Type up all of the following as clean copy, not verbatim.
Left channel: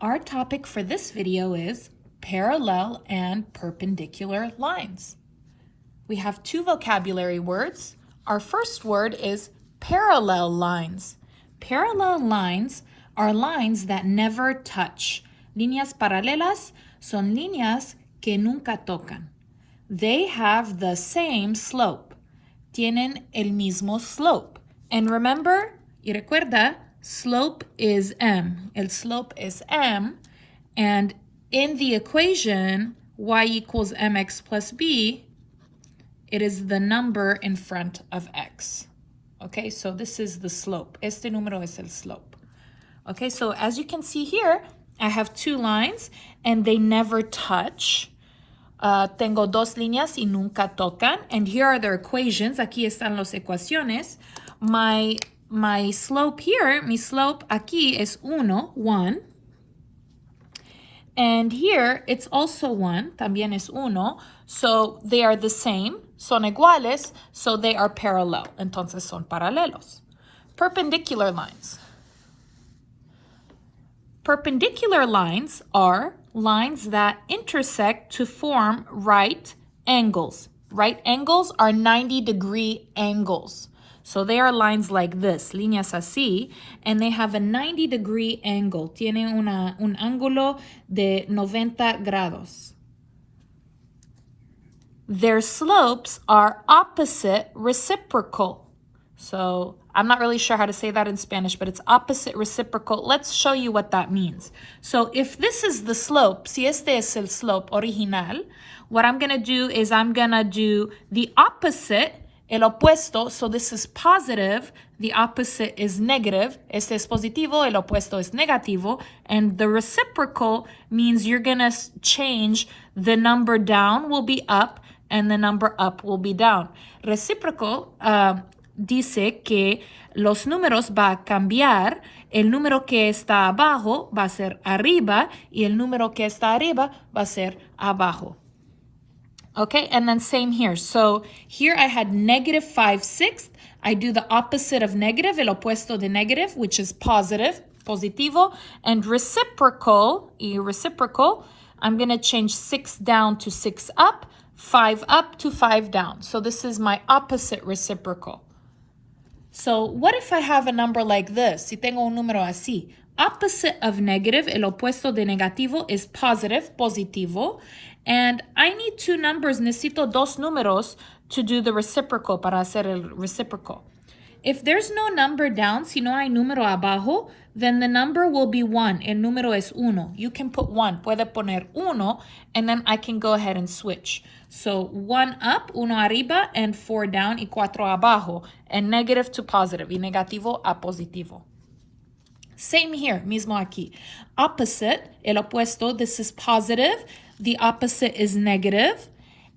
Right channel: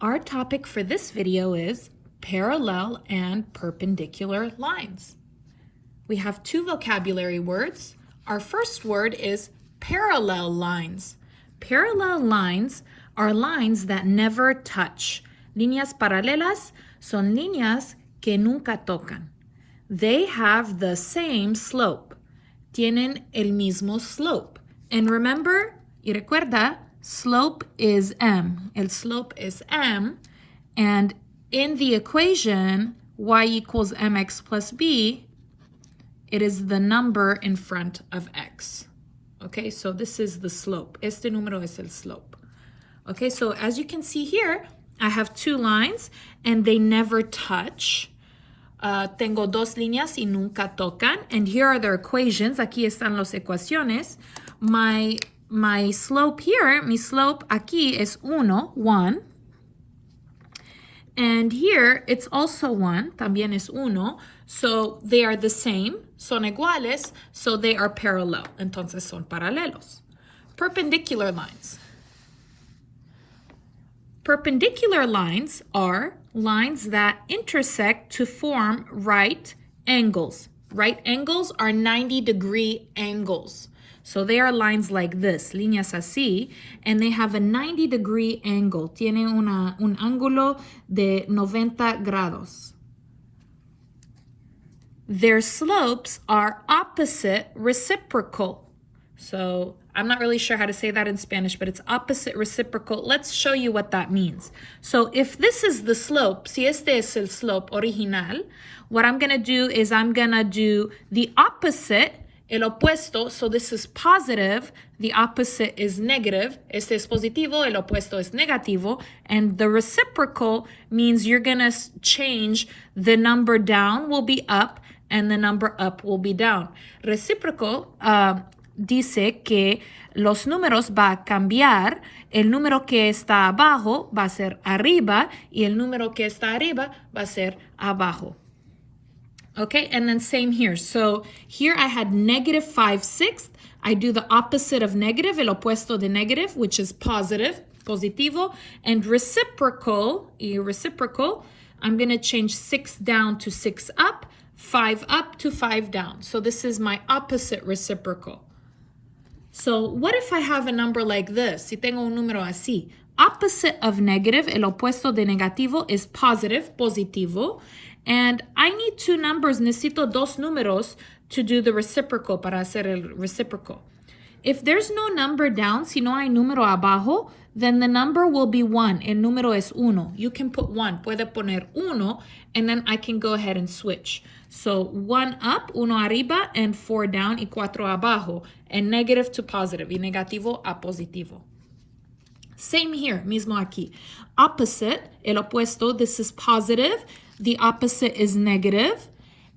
Our topic for this video is parallel and perpendicular lines. We have two vocabulary words. Our first word is parallel lines. Parallel lines are lines that never touch. Líneas paralelas son líneas que nunca tocan. They have the same slope. Tienen el mismo slope. And remember, y recuerda, slope is m. El slope is m. And in the equation, y equals mx plus b, it is the number in front of x. Okay, so this is the slope. Este número es el slope. Okay, so as you can see here, I have two lines and they never touch. Tengo dos líneas y nunca tocan. And here are their equations. Aquí están las ecuaciones. My slope here, mi slope aquí es 1. And here it's also 1, también es 1. So they are the same, son iguales, so they are parallel. Entonces son paralelos. Perpendicular lines. Perpendicular lines are lines that intersect to form right angles. Right angles are 90-degree angles. So they are lines like this, líneas así, and they have a 90-degree angle. Tiene un ángulo de 90 grados. Their slopes are opposite reciprocal. So I'm not really sure how to say that in Spanish, but it's opposite reciprocal. Let's show you what that means. So if this is the slope, si este es el slope original, what I'm going to do is I'm going to do the opposite, el opuesto. So this is positive, the opposite is negative. Este es positivo, el opuesto es negativo. And the reciprocal means you're going to change the number down will be up and the number up will be down. Reciprocal dice que los números va a cambiar, el número que está abajo va a ser arriba y el número que está arriba va a ser abajo. Okay, and then same here. So here I had negative 5/6. I do the opposite of negative, el opuesto de negative, which is positive, positivo, and reciprocal, I'm going to change 6 down to 6 up, 5 up to 5 down. So this is my opposite reciprocal. So what if I have a number like this? Si tengo un número así. Opposite of negative, el opuesto de negativo is positive, positivo. And I need two numbers, necesito dos números to do the reciprocal, para hacer el reciprocal. If there's no number down, si no hay número abajo, then the number will be 1. El número es 1. You can put 1. Puede poner 1, and then I can go ahead and switch. So 1 up, 1 arriba, and 4 down, y 4 abajo. And negative to positive, y negativo a positivo. Same here, mismo aquí. Opposite, el opuesto, this is positive. The opposite is negative.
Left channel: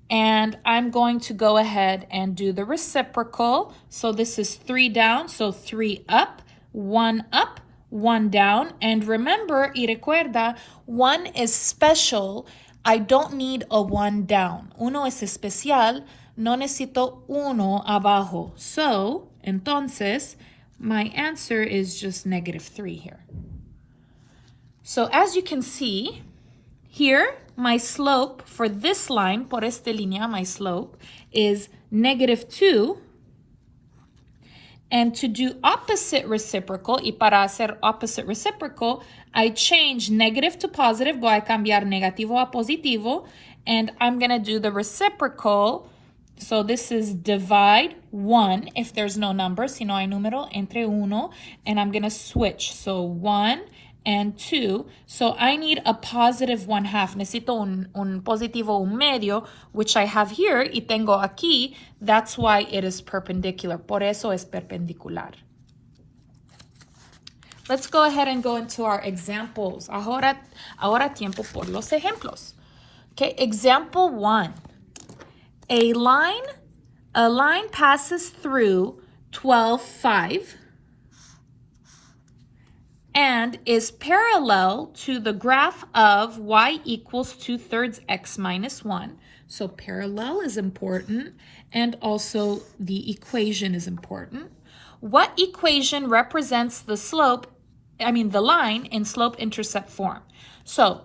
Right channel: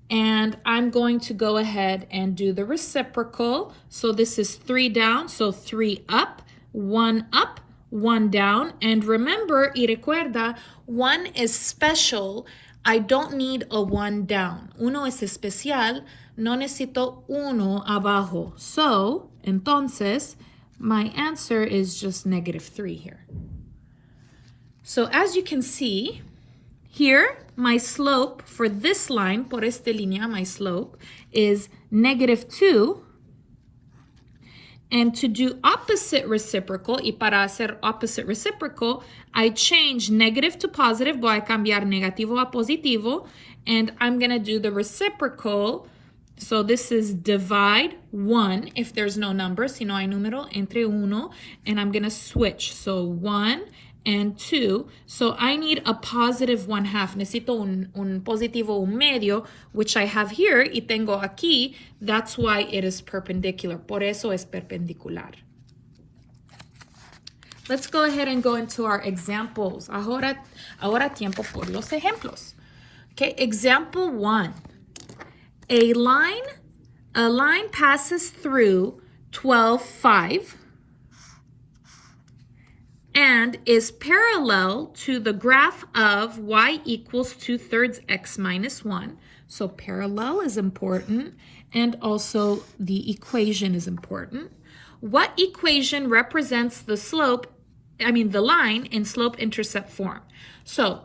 And I'm going to go ahead and do the reciprocal. So this is 3 down, so 3 up, 1 down. And remember, y recuerda, 1 is special. I don't need a 1 down. Uno es especial, no necesito uno abajo. So, entonces, my answer is just negative 3 here. So as you can see, here, my slope for this line, por esta línea, my slope is negative 2. And to do opposite reciprocal, y para hacer opposite reciprocal, I change negative to positive, voy a cambiar negativo a positivo, and I'm going to do the reciprocal. So this is divide 1, if there's no number, si no hay número, entre 1, and I'm going to switch. So 1 and 2. So I need a positive 1/2. Necesito un positivo, un medio, which I have here, y tengo aquí. That's why it is perpendicular. Por eso es perpendicular. Let's go ahead and go into our examples. Ahora tiempo por los ejemplos. Okay, example 1. A line passes through 12, 5 and is parallel to the graph of y equals 2/3 x minus 1. So parallel is important, and also the equation is important. What equation represents the slope the line in slope-intercept form. So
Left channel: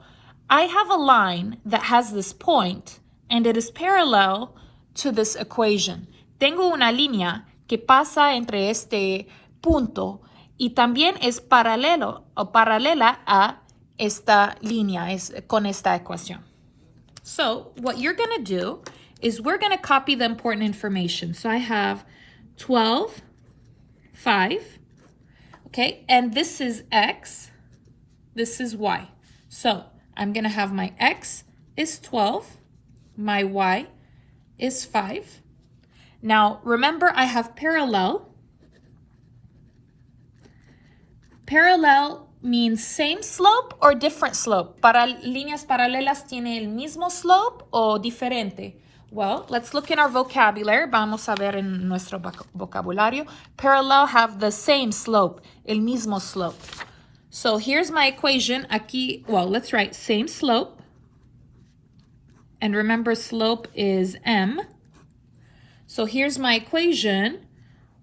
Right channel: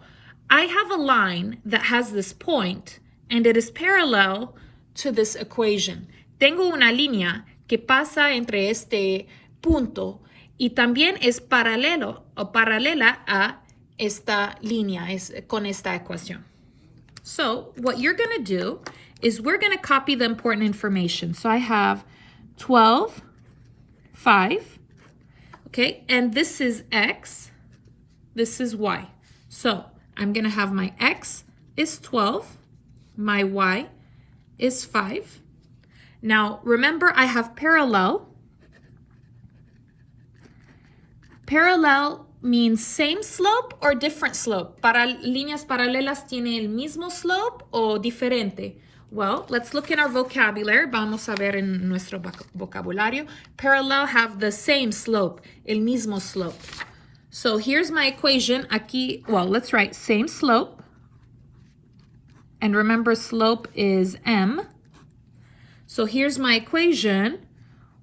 I have a line that has this point and it is parallel to this equation. Tengo una línea que pasa entre este punto y también es paralelo o paralela a esta línea, con esta ecuación. So what you're going to do is we're going to copy the important information. So I have 12, 5, okay, and this is x, this is y. So I'm going to have my x is 12, my y is 5. Now remember, I have parallel. Parallel means same slope or different slope. Para líneas paralelas tiene el mismo slope o diferente. Well, let's look in our vocabulary. Vamos a ver en nuestro vocabulario. Parallel have the same slope, el mismo slope. So here's my equation. Aquí, well, let's write same slope. And remember, slope is m. So here's my equation.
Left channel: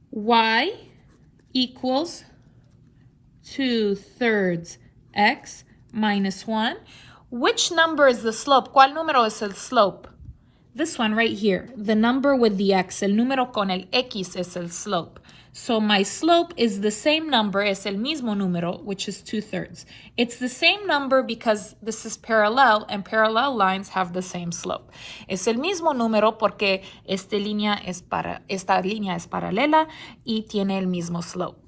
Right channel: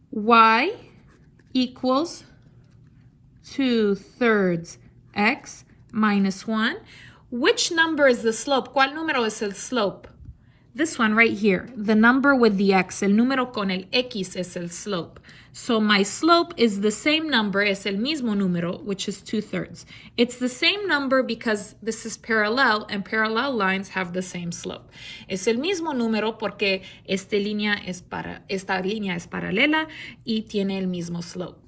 Y equals 2/3 x minus 1. Which number is the slope? ¿Cuál número es el slope? This one right here, the number with the x, el número con el x es el slope. So my slope is the same number, es el mismo número, which is 2/3. It's the same number because this is parallel and parallel lines have the same slope. Es el mismo número porque esta línea es paralela y tiene el mismo slope.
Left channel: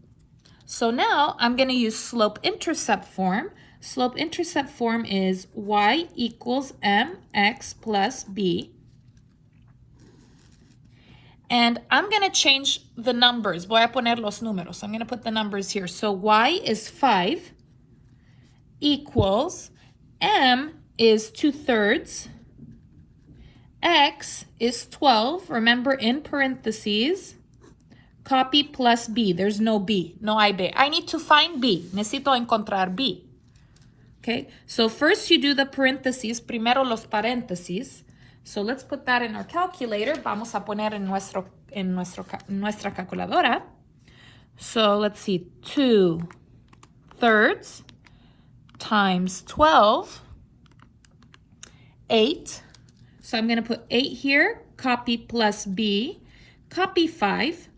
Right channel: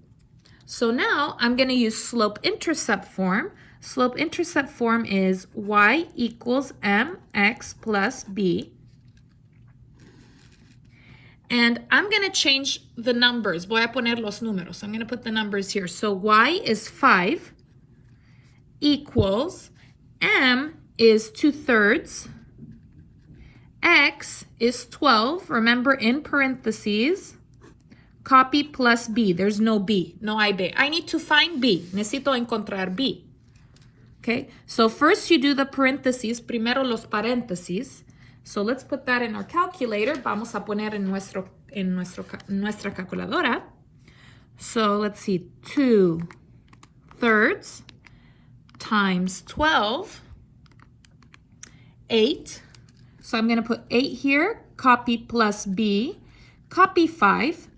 So now I'm going to use slope-intercept form. Slope-intercept form is y equals mx plus b. And I'm going to change the numbers. Voy a poner los números. I'm going to put the numbers here. So y is 5 equals m is 2/3. X is 12. Remember, in parentheses. Copy plus b. There's no b. No hay b. I need to find b. Necesito encontrar b. Okay, so first you do the parentheses. Primero los paréntesis. So let's put that in our calculator. Vamos a poner en nuestra calculadora. So let's see, 2/3 times 12, 8. So I'm going to put 8 here, copy plus b, copy 5.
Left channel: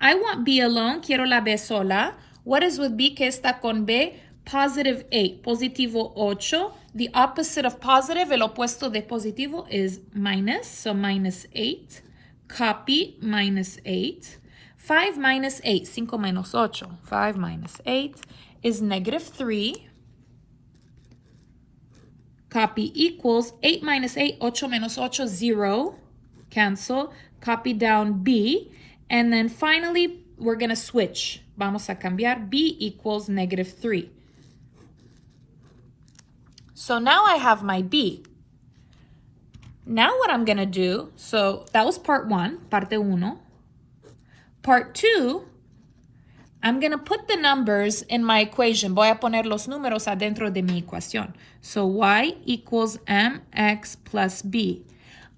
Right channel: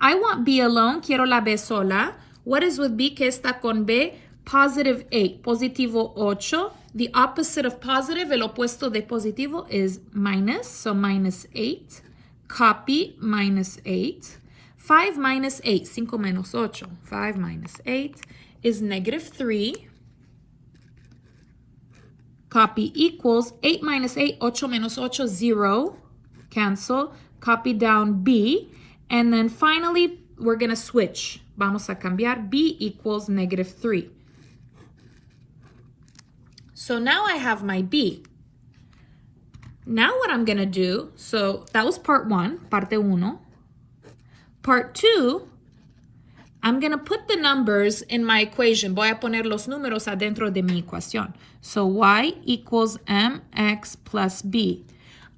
I want b alone, quiero la b sola. What is with b que está con b? Positive 8, positivo 8. The opposite of positive, el opuesto de positivo is minus, so minus 8. Copy, minus 8. 5 minus 8, 5 menos 8. 5 minus 8 is negative 3. Copy equals 8 minus 8, 8 menos 8, 0. Cancel. Copy down b. And then finally, we're going to switch. Vamos a cambiar. B equals negative 3. So now I have my b. Now what I'm going to do, so that was part 1, parte 1. Part 2, I'm going to put the numbers in my equation. Voy a poner los números adentro de mi ecuación. So y equals mx plus b.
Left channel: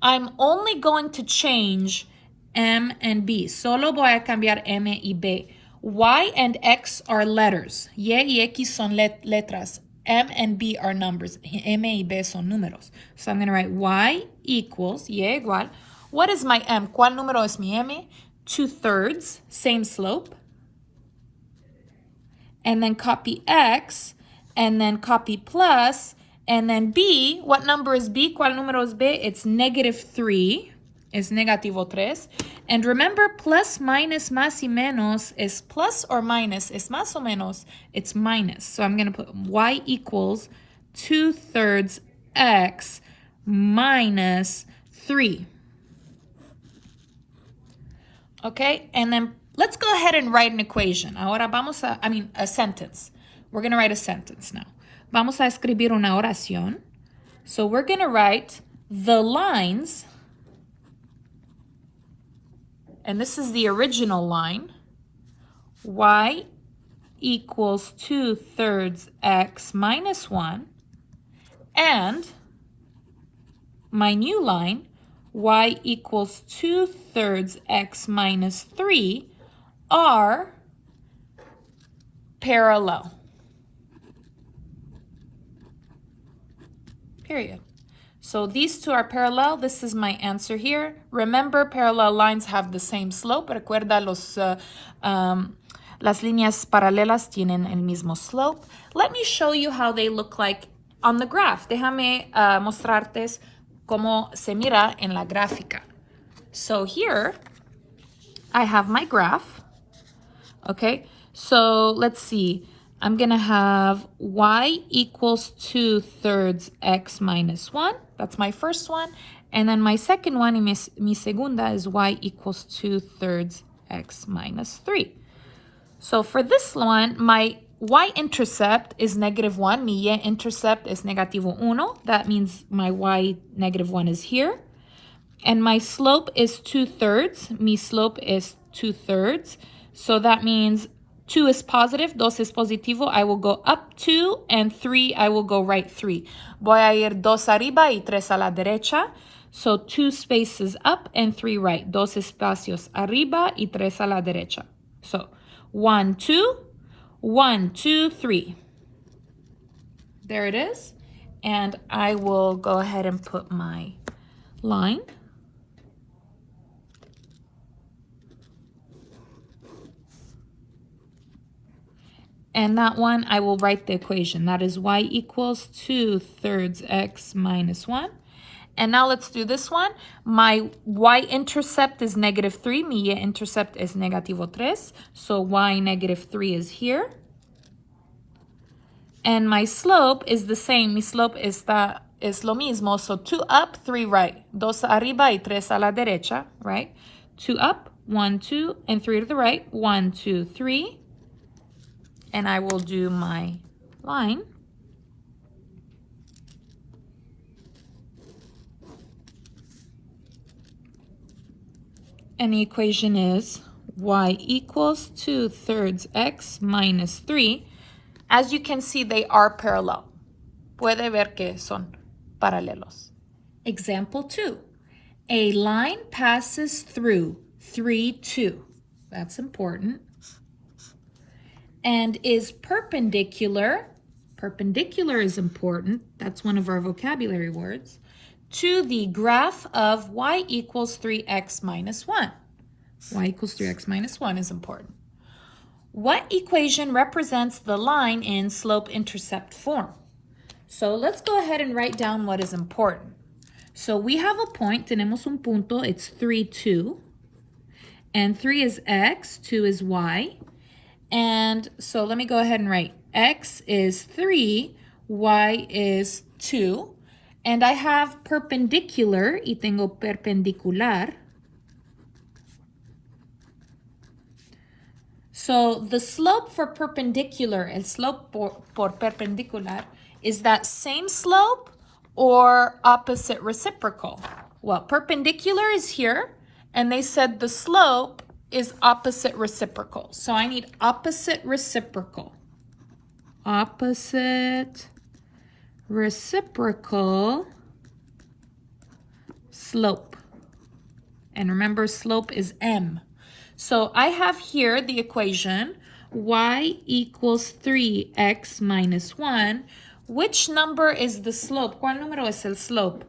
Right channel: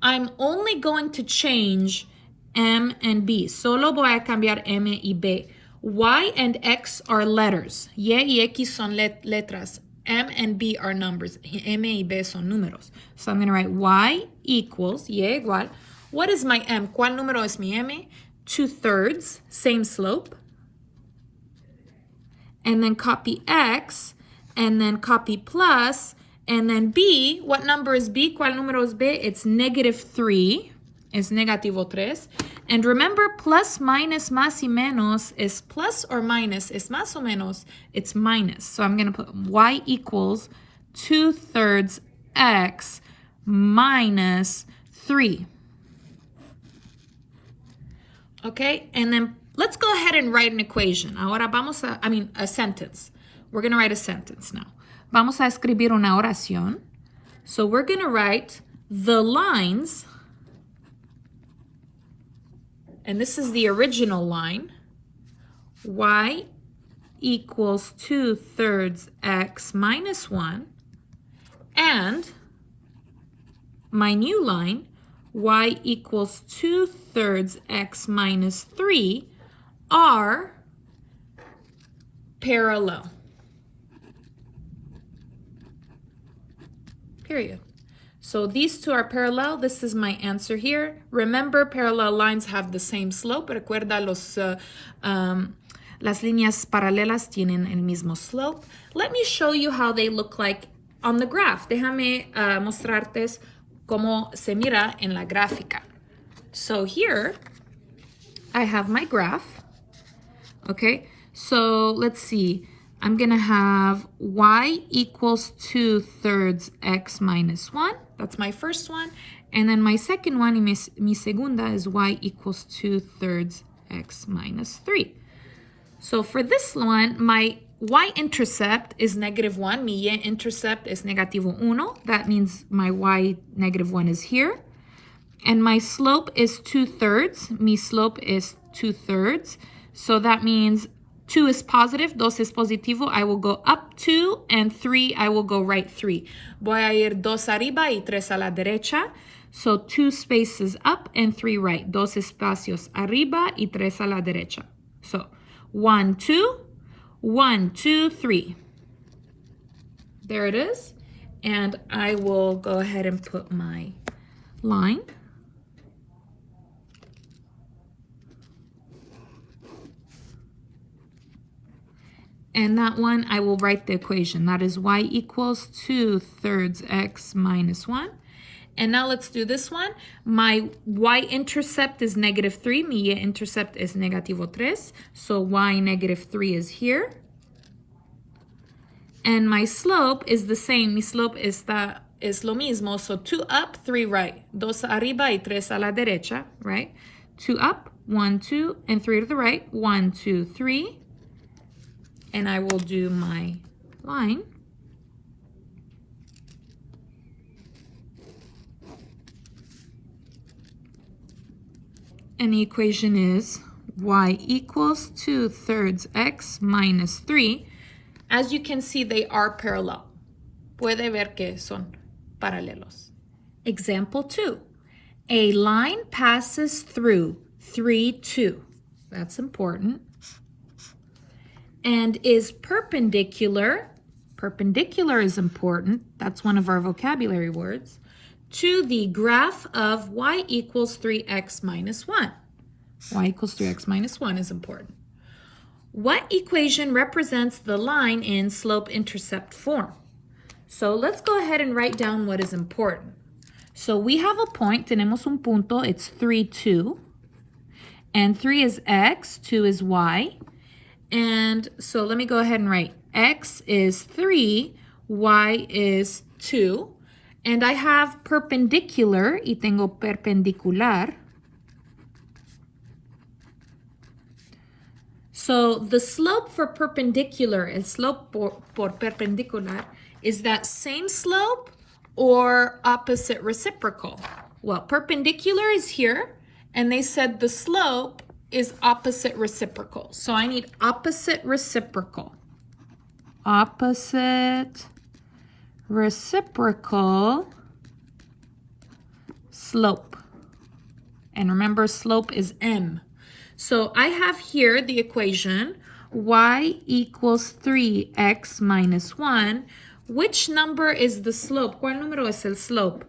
I'm only going to change m and b. Solo voy a cambiar m y b. Y and x are letters. Y x son letras. M and b are numbers. M y b son números. So I'm going to write y equals, y igual. What is my m? ¿Cuál número es mi m? 2/3, same slope. And then copy x, and then copy plus, and then b. What number is b? ¿Cuál número es b? It's negative 3. Es negativo 3. And remember, plus, minus, más y menos is plus or minus. Es más o menos. It's minus. So I'm going to put y equals 2/3 x minus 3. Okay? And then let's go ahead and write an equation. Ahora vamos a, a sentence. We're going to write a sentence now. Vamos a escribir una oración. So we're going to write the lines. And this is the original line. Y equals 2/3 x minus 1. And my new line, y equals 2/3 x minus 3, are parallel. period. So these two are parallel. This is my answer here. Remember, parallel lines have the same slope. Recuerda, las líneas paralelas tienen el mismo slope. Let me show you how they look like on the graph. Déjame mostrarte cómo se mira en la gráfica. So here, I have my graph. Okay, so let's see. I'm going to have y equals 2/3 x minus 1. That's my first one. And then my second one, mi segunda, is y equals 2/3 x minus 3. So for this one, my y-intercept is -1. Mi y-intercept is -1. That means my y -1 is here. And my slope is 2/3. Mi slope is 2/3. So that means 2 is positive, 2 es positivo. I will go up 2, and 3, I will go right 3. Voy a ir 2 arriba y 3 a la derecha. So 2 spaces up and 3 right. 2 espacios arriba y 3 a la derecha. So 1, 2, 1, 2, 3. There it is. And I will go ahead and put my line. And that one, I will write the equation. That is y equals 2/3 x minus 1. And now let's do this one. My y-intercept is -3. Mi y-intercept is -3. So y -3 is here. And my slope is the same. Mi slope es lo mismo. So 2 up, 3 right. 2 arriba y 3 a la derecha, right? 2 up, 1, 2, and 3 to the right. 1, 2, 3. And I will do my line. And the equation is y equals 2/3 x minus 3. As you can see, they are parallel. Puede ver que son paralelos. Example 2. A line passes through 3, 2. That's important. And is perpendicular is important, that's one of our vocabulary words, to the graph of y equals 3x minus 1. Y equals 3x minus 1 is important. What equation represents the line in slope-intercept form? So let's go ahead and write down what is important. So we have a point, tenemos un punto, it's 3, 2. And 3 is x, 2 is y. And so let me go ahead and write x is 3, y is 2. And I have perpendicular, y tengo perpendicular. So the slope for perpendicular, el slope por perpendicular, is that same slope or opposite reciprocal? Well, perpendicular is here, and they said the slope is opposite reciprocal. So I need opposite reciprocal. Opposite reciprocal slope. And remember, slope is m. So I have here the equation y equals 3x minus 1. Which number is the slope? ¿Cuál número es el slope?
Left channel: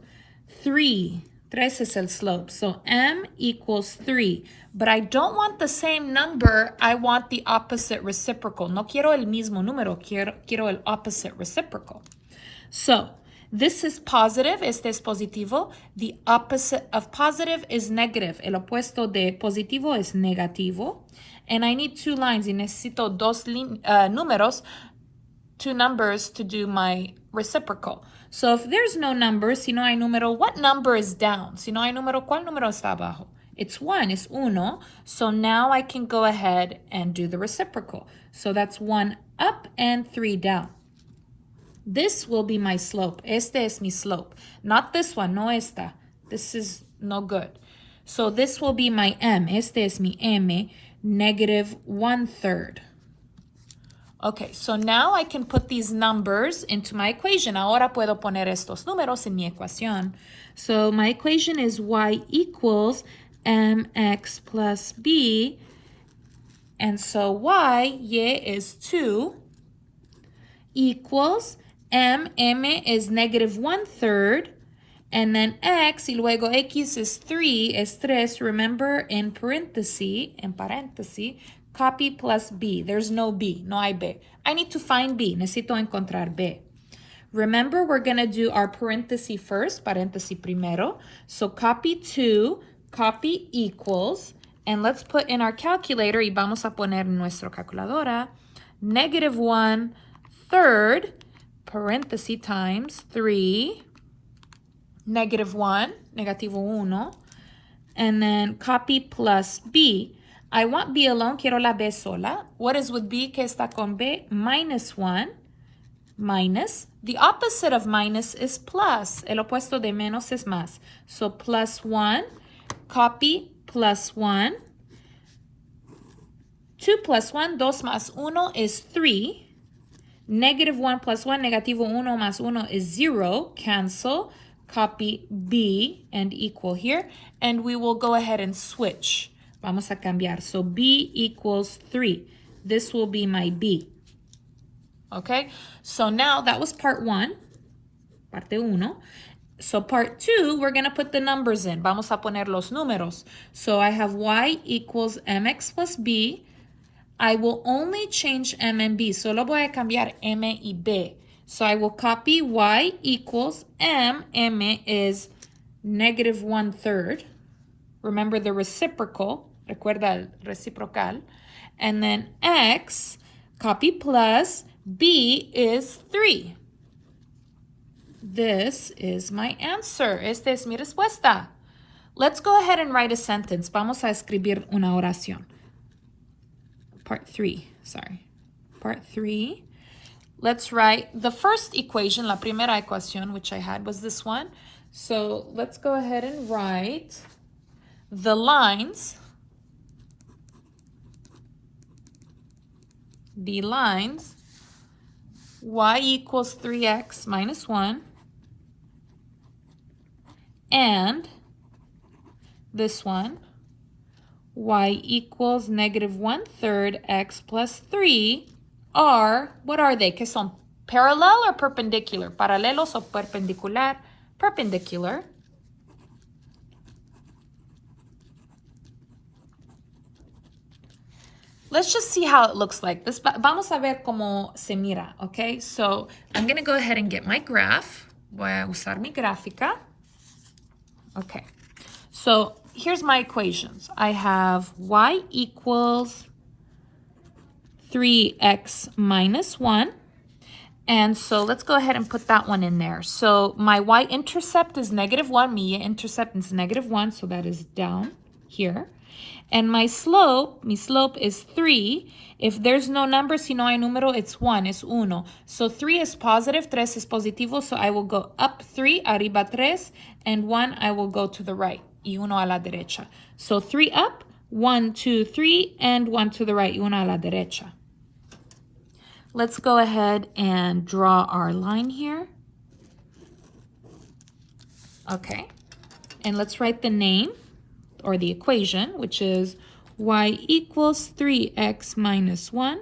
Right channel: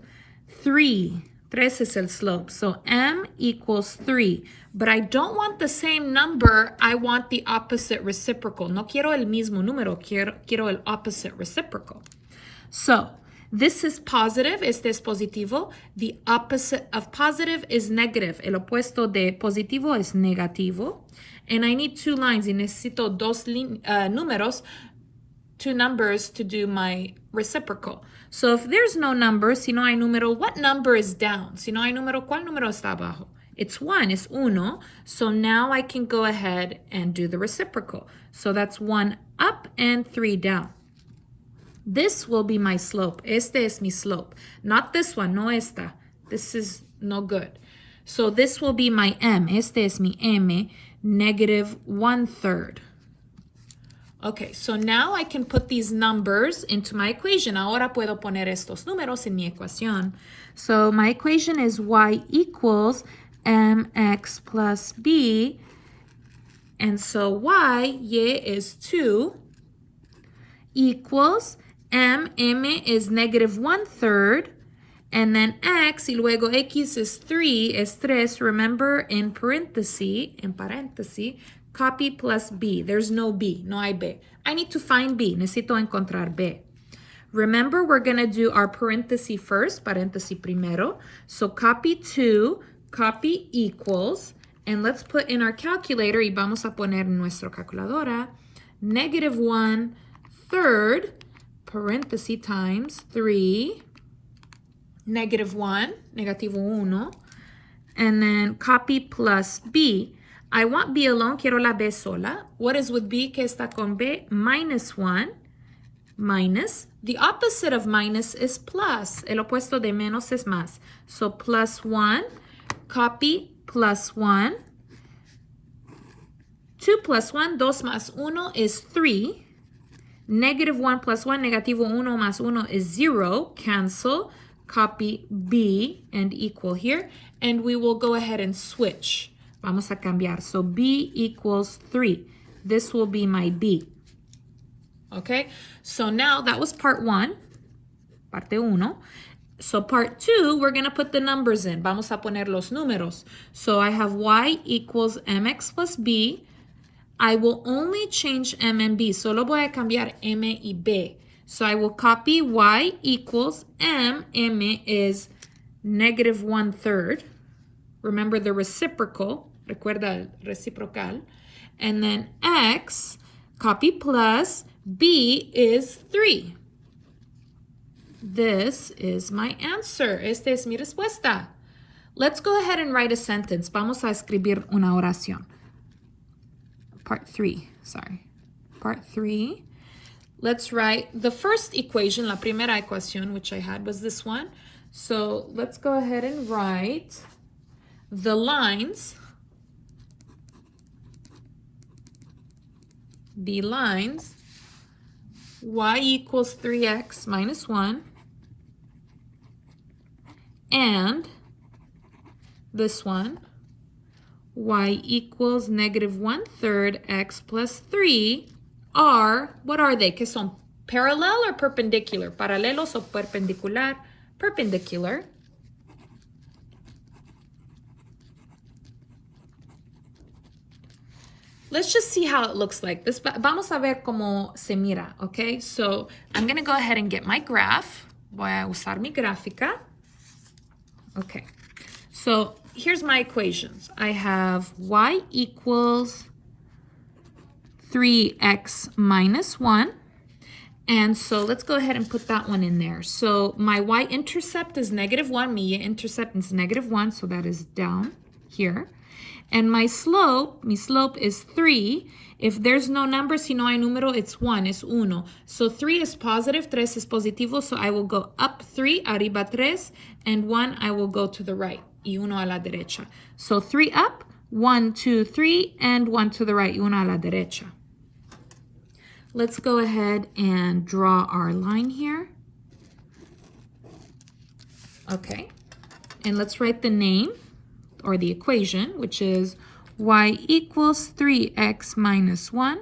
3. 3 es el slope. So m equals 3. But I don't want the same number. I want the opposite reciprocal. No quiero el mismo número. Quiero el opposite reciprocal. So this is positive. Este es positivo. The opposite of positive is negative. El opuesto de positivo es negativo. And I need 2 lines. Y necesito dos números, 2 numbers to do my reciprocal. So if there's no number, si no hay número, what number is down? Si no hay número, ¿cuál número está abajo? It's 1, it's uno. So now I can go ahead and do the reciprocal. So that's 1 up and 3 down. This will be my slope. Este es mi slope. Not this one, no esta. This is no good. So this will be my m. Este es mi m, -1/3. Okay, so now I can put these numbers into my equation. Ahora puedo poner estos números en mi ecuación. So my equation is y equals mx plus b. And so y is 2 equals M is negative 1/3. And then x, y luego x is 3, es 3. Remember, en paréntesis, copy plus b. There's no b, no hay b. I need to find b. Necesito encontrar b. Remember, we're going to do our paréntesis first, paréntesis primero. So copy 2, copy equals, and let's put in our calculator, y vamos a poner en nuestra calculadora, negative 1/3, paréntesis times 3, negative 1, negativo 1, and then copy plus b. I want b alone, quiero la b sola. What is with b? ¿Qué está con b? Minus 1, minus. The opposite of minus is plus. El opuesto de menos es más. So plus 1, copy plus 1. 2 plus 1, 2 más 1 is 3. Negative 1 plus 1, negativo 1 más 1 is 0. Cancel. Copy b and equal here. And we will go ahead and switch. Vamos a cambiar. So b equals 3. This will be my b. Okay? So now that was part 1. Parte 1. So part 2, we're going to put the numbers in. Vamos a poner los números. So I have y equals mx plus b. I will only change m and b. Solo voy a cambiar m y b. So I will copy y equals m. M is negative 1/3. Remember the reciprocal. Recuerda el reciprocal. And then x, copy plus, b is 3. This is my answer. Esta es mi respuesta. Let's go ahead and write a sentence. Vamos a escribir una oración. Part 3, sorry. Part 3. Let's write the first equation, la primera ecuación, which I had was this one. So let's go ahead and write the lines. The lines, y equals 3x minus 1. And this one, y equals negative 1/3 x plus 3 are, what are they? ¿Qué son? Parallel or perpendicular? Paralelos o perpendicular? Perpendicular. Let's just see how it looks like. This, vamos a ver cómo se mira, okay? So I'm going to go ahead and get my graph. Voy a usar mi gráfica. Okay. So here's my equations. I have y equals 3x minus 1. And so let's go ahead and put that one in there. So my y-intercept is negative 1. My y-intercept is negative 1, so that is down here. And my slope is 3. If there's no number, si no hay número, it's 1, it's uno. So 3 is positive, 3 is positivo, so I will go up 3, arriba 3, and 1, I will go to the right, y uno a la derecha. So 3 up, 1, 2, 3, and 1 to the right, y uno a la derecha. Let's go ahead and draw our line here. Okay, and let's write the name, or the equation, which is y equals 3x minus 1.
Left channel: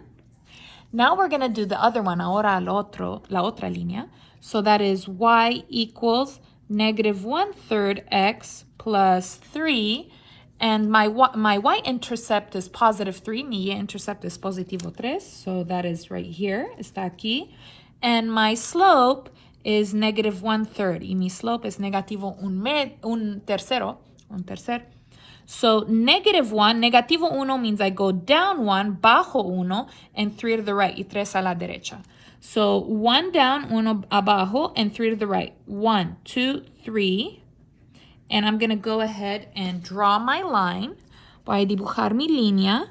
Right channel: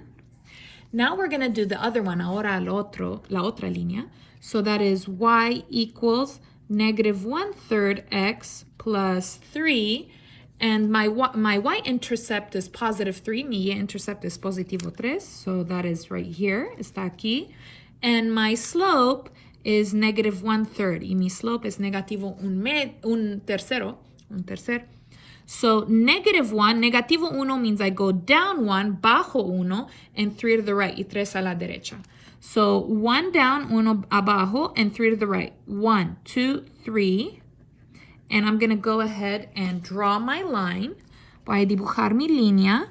Now we're going to do the other one, ahora la otra línea. So that is y equals negative 1/3 x plus 3. And my y-intercept is positive 3. Mi y-intercept is positivo 3. So that is right here, está aquí. And my slope is negative 1/3. Y mi slope is negativo un tercero. So negative 1, negativo 1 means I go down 1, bajo 1, and 3 to the right, y 3 a la derecha. So 1 down, 1 abajo, and 3 to the right. 1, 2, 3. And I'm going to go ahead and draw my line. Voy a dibujar mi línea.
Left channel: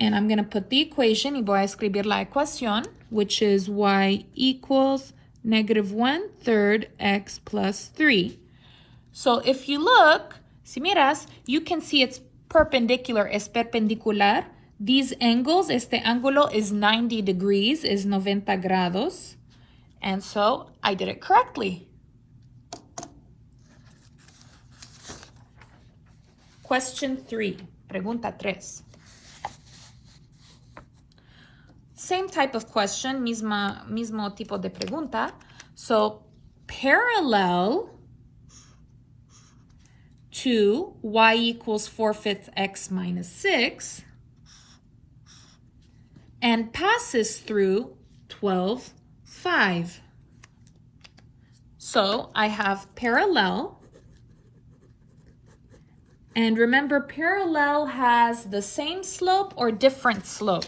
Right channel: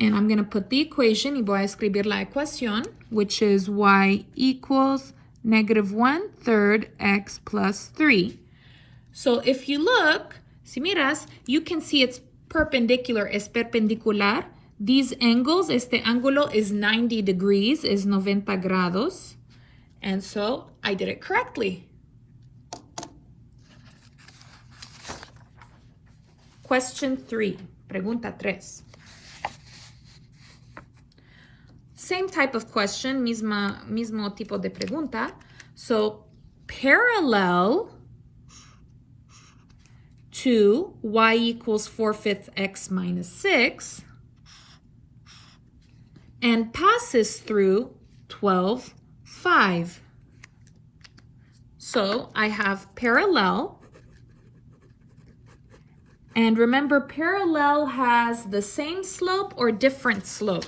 And I'm going to put the equation, y voy a escribir la ecuación, which is y equals negative 1/3 x plus 3. So if you look, si miras, you can see it's perpendicular, es perpendicular. These angles, este ángulo is 90 degrees, is 90 grados. And so I did it correctly. Question 3. Pregunta 3. Same type of question, mismo tipo de pregunta. So, parallel to y equals 4/5 x minus 6 and passes through 12, 5. So I have parallel. And remember, parallel has the same slope or different slope.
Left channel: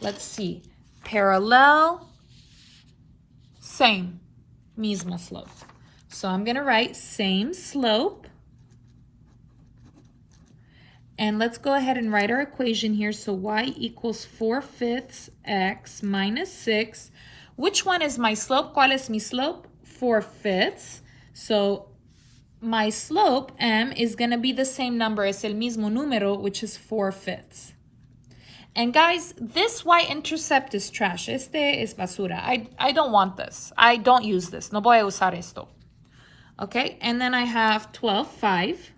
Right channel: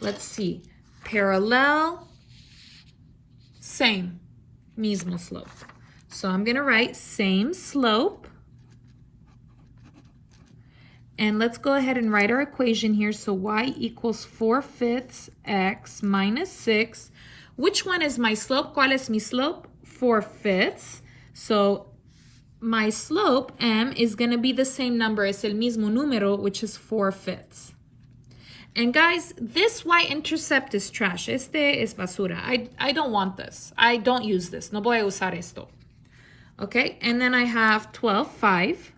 Let's see. Parallel, same, mismo slope. So I'm going to write same slope. And let's go ahead and write our equation here. So y equals 4/5 x minus 6. Which one is my slope? ¿Cuál es mi slope? 4/5. So my slope, m, is going to be the same number. Es el mismo número, which is 4/5. And guys, this y-intercept is trash. Este es basura. I don't want this. I don't use this. No voy a usar esto. Okay, and then I have 12, 5.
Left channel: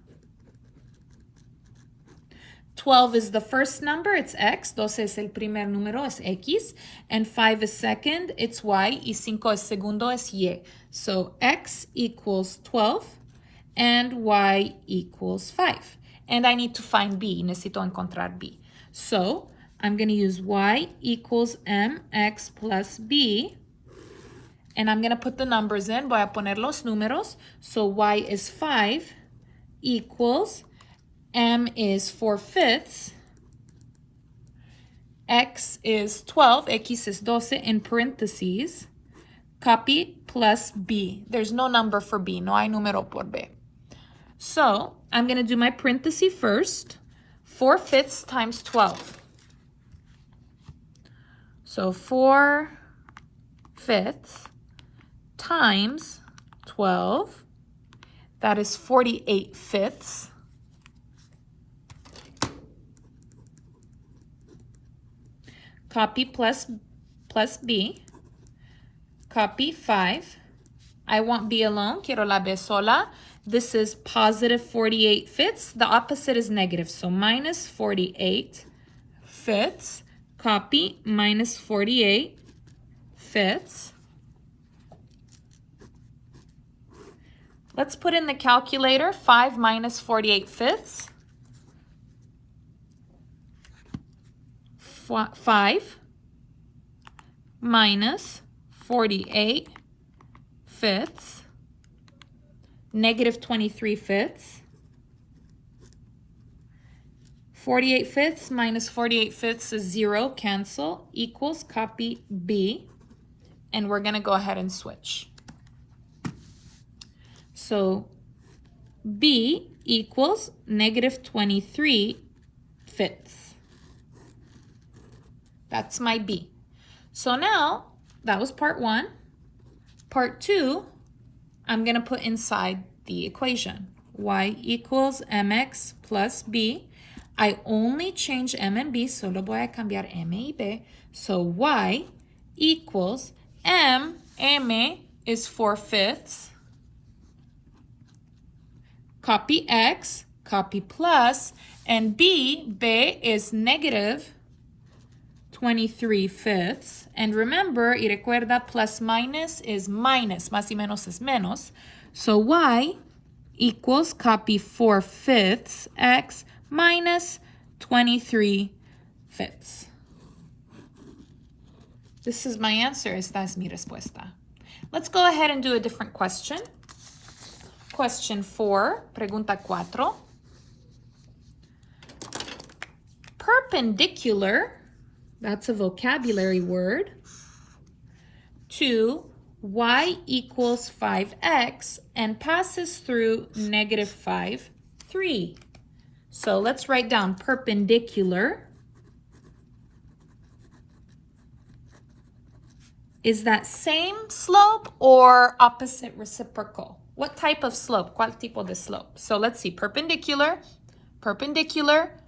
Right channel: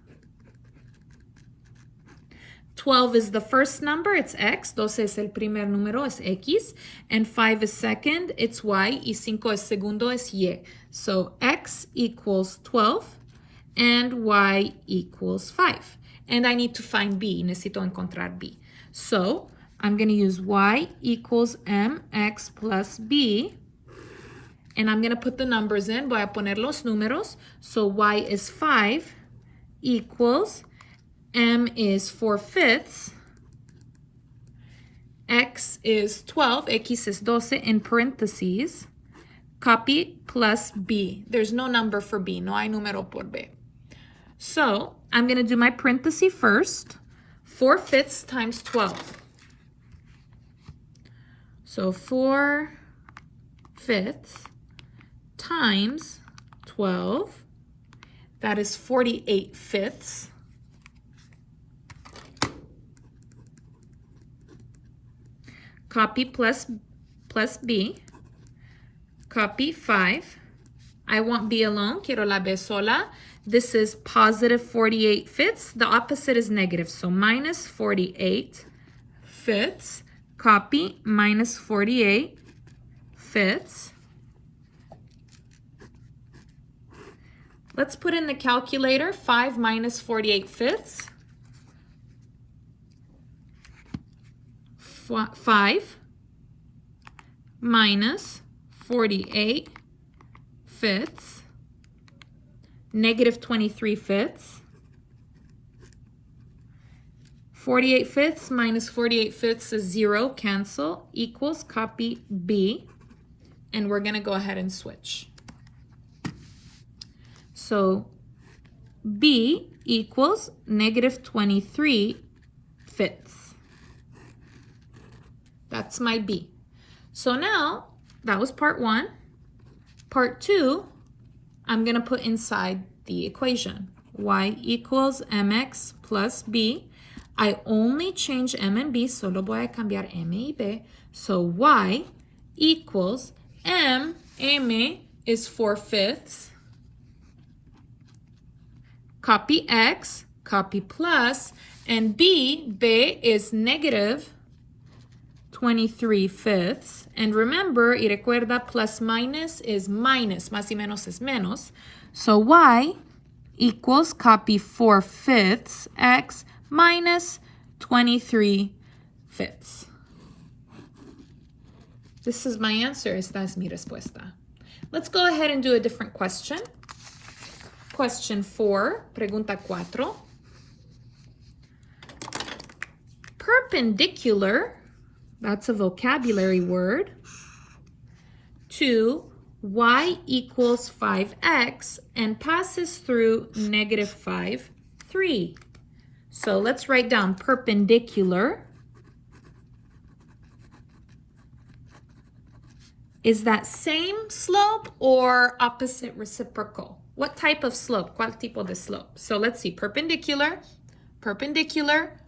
12 is the first number, it's x. 12 es el primer número, es x. And 5 is second, it's y. Y 5 es segundo, es y. So x equals 12 and y equals 5. And I need to find b. Necesito encontrar b. So I'm going to use y equals mx plus b. And I'm going to put the numbers in. Voy a poner los números. So y is 5 equals m is 4/5. X is 12. X is 12 in parentheses. Copy plus b. There's no number for b. No hay número por b. So I'm going to do my parenthesis first. 4/5 times 12. So 4/5 times 12. That is 48/5. Copy plus b. Copy 5. I want b alone. Quiero la b sola. This is positive 48/5. The opposite is negative. So minus 48/5. Copy minus 48/5. Let's put in the calculator. 5 minus 48/5. 5 minus 48/5, negative 23/5. 48/5 minus 48/5 is 0, cancel, equals, copy b, and we're going to go ahead and switch. So b equals negative 23/5. That's my b. So now, that was part 1. Part 2, I'm going to put inside the equation. Y equals mx plus b. I only change m and b, solo voy a cambiar m y b. So y equals m is 4/5. Copy x, copy plus, and b is negative 23/5. And remember, y recuerda, plus minus is minus. Más y menos es menos. So y equals, copy 4/5 x minus 23/5. This is my answer. Esta es mi respuesta. Let's go ahead and do a different question. Question 4, pregunta 4. Perpendicular, that's a vocabulary word, to y equals 5x and passes through negative 5, 3. So let's write down perpendicular. Is that same slope or opposite reciprocal? What type of slope? ¿Cuál tipo de slope? So let's see. Perpendicular, perpendicular,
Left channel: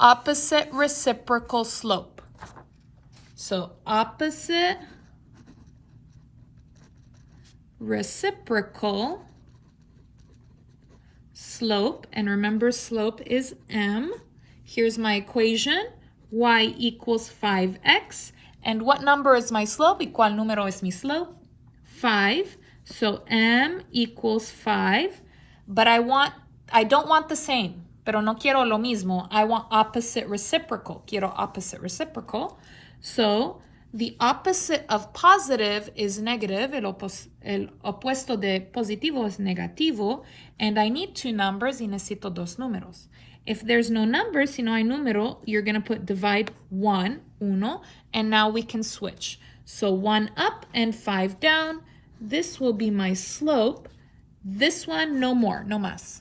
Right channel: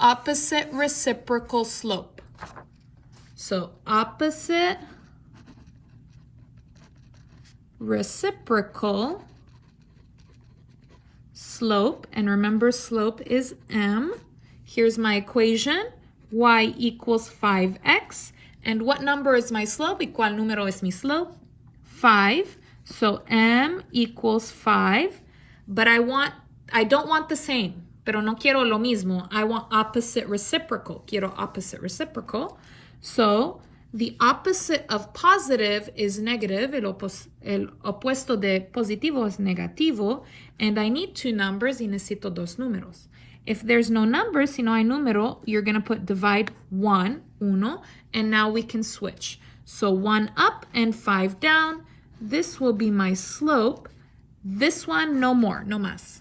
opposite reciprocal slope. So opposite reciprocal slope. And remember, slope is m. Here's my equation. Y equals 5x. And what number is my slope? ¿Y cuál número es mi slope? 5. So m equals 5. But I don't want the same. Pero no quiero lo mismo. I want opposite reciprocal. Quiero opposite reciprocal. So the opposite of positive is negative. El opuesto de positivo es negativo. And I need two numbers y necesito dos números. If there's no number, si no hay número, you're going to put divide 1, uno, and now we can switch. So 1 up and 5 down. This will be my slope. This one, no more, no más.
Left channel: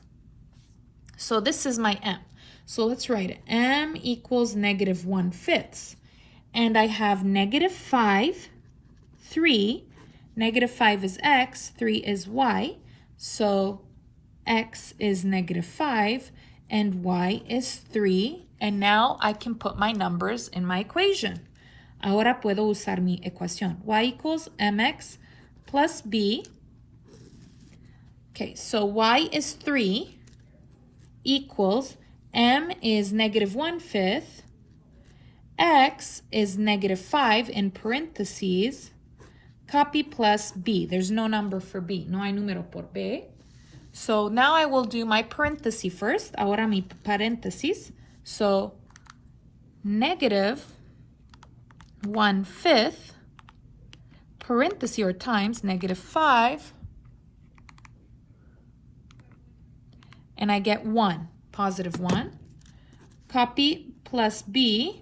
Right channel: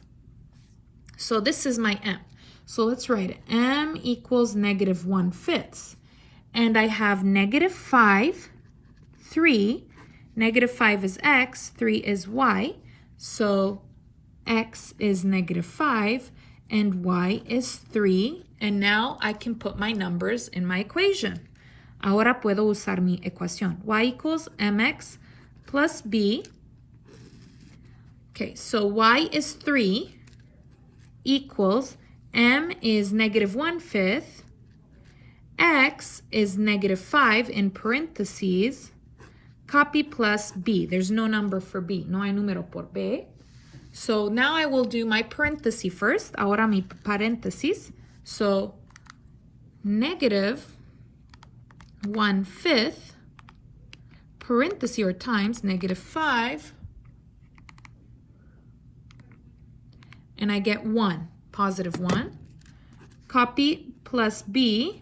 So this is my m. So let's write it. M equals negative 1/5. And I have negative 5, 3. Negative 5 is x, 3 is y. So x is negative 5. And y is 3, and now I can put my numbers in my equation. Ahora puedo usar mi ecuación. Y equals mx plus b. Okay, so y is 3 equals m is negative 1/5, x is negative 5 in parentheses, copy plus b. There's no number for b. No hay número por b. So now I will do my parenthesis first. Ahora mi paréntesis. So negative 1/5 parenthesis or times negative 5. And I get 1, positive 1. Copy plus b,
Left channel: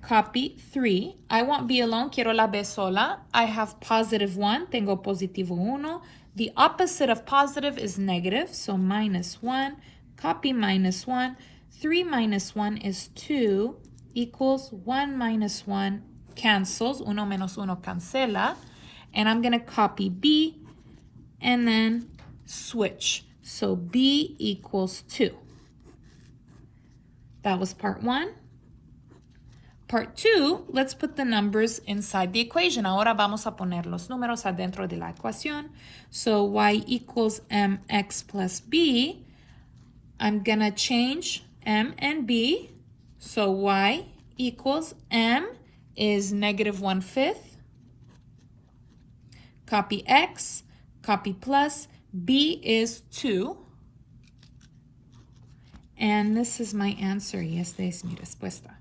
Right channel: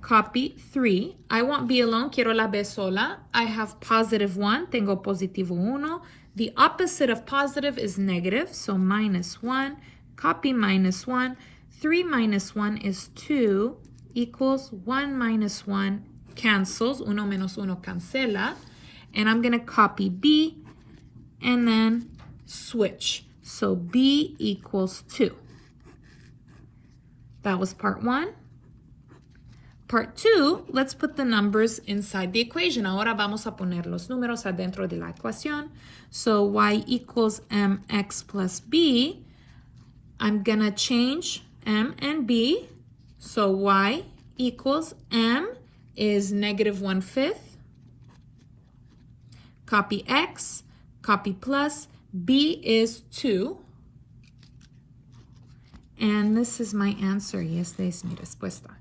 copy 3. I want b alone, quiero la b sola. I have positive 1, tengo positivo 1. The opposite of positive is negative, so minus 1, copy minus 1. 3 minus 1 is 2, equals 1 minus 1 cancels, 1 menos 1 cancela. And I'm going to copy b and then switch. So b equals 2. That was part 1. Part 2, let's put the numbers inside the equation. Ahora vamos a poner los números adentro de la ecuación. So y equals mx plus b. I'm going to change m and b. So y equals m is negative 1/5. Copy x, copy plus, b is 2. And this is my answer. Y esta es mi respuesta.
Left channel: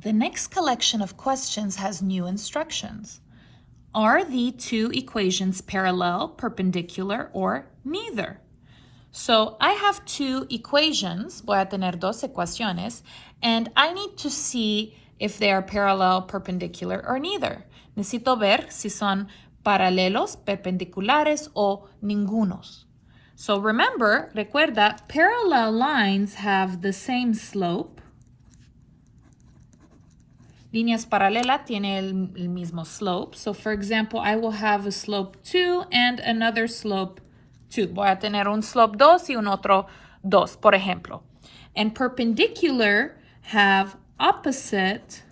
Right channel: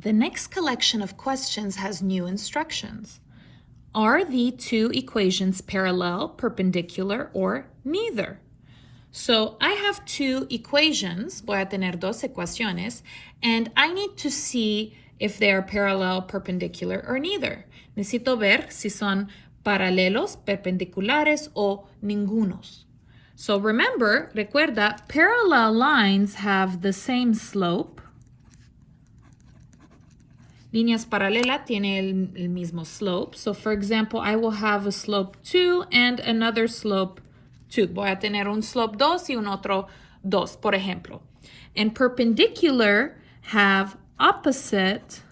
The next collection of questions has new instructions. Are the two equations parallel, perpendicular, or neither? So I have two equations, voy a tener dos ecuaciones, and I need to see if they are parallel, perpendicular, or neither. Necesito ver si son paralelos, perpendiculares, o ningunos. So remember, recuerda, parallel lines have the same slope. Líneas paralelas tienen el mismo slope. So for example, I will have a slope 2 and another slope 2. Voy a tener un slope 2 y un otro 2, por ejemplo. And perpendicular have opposite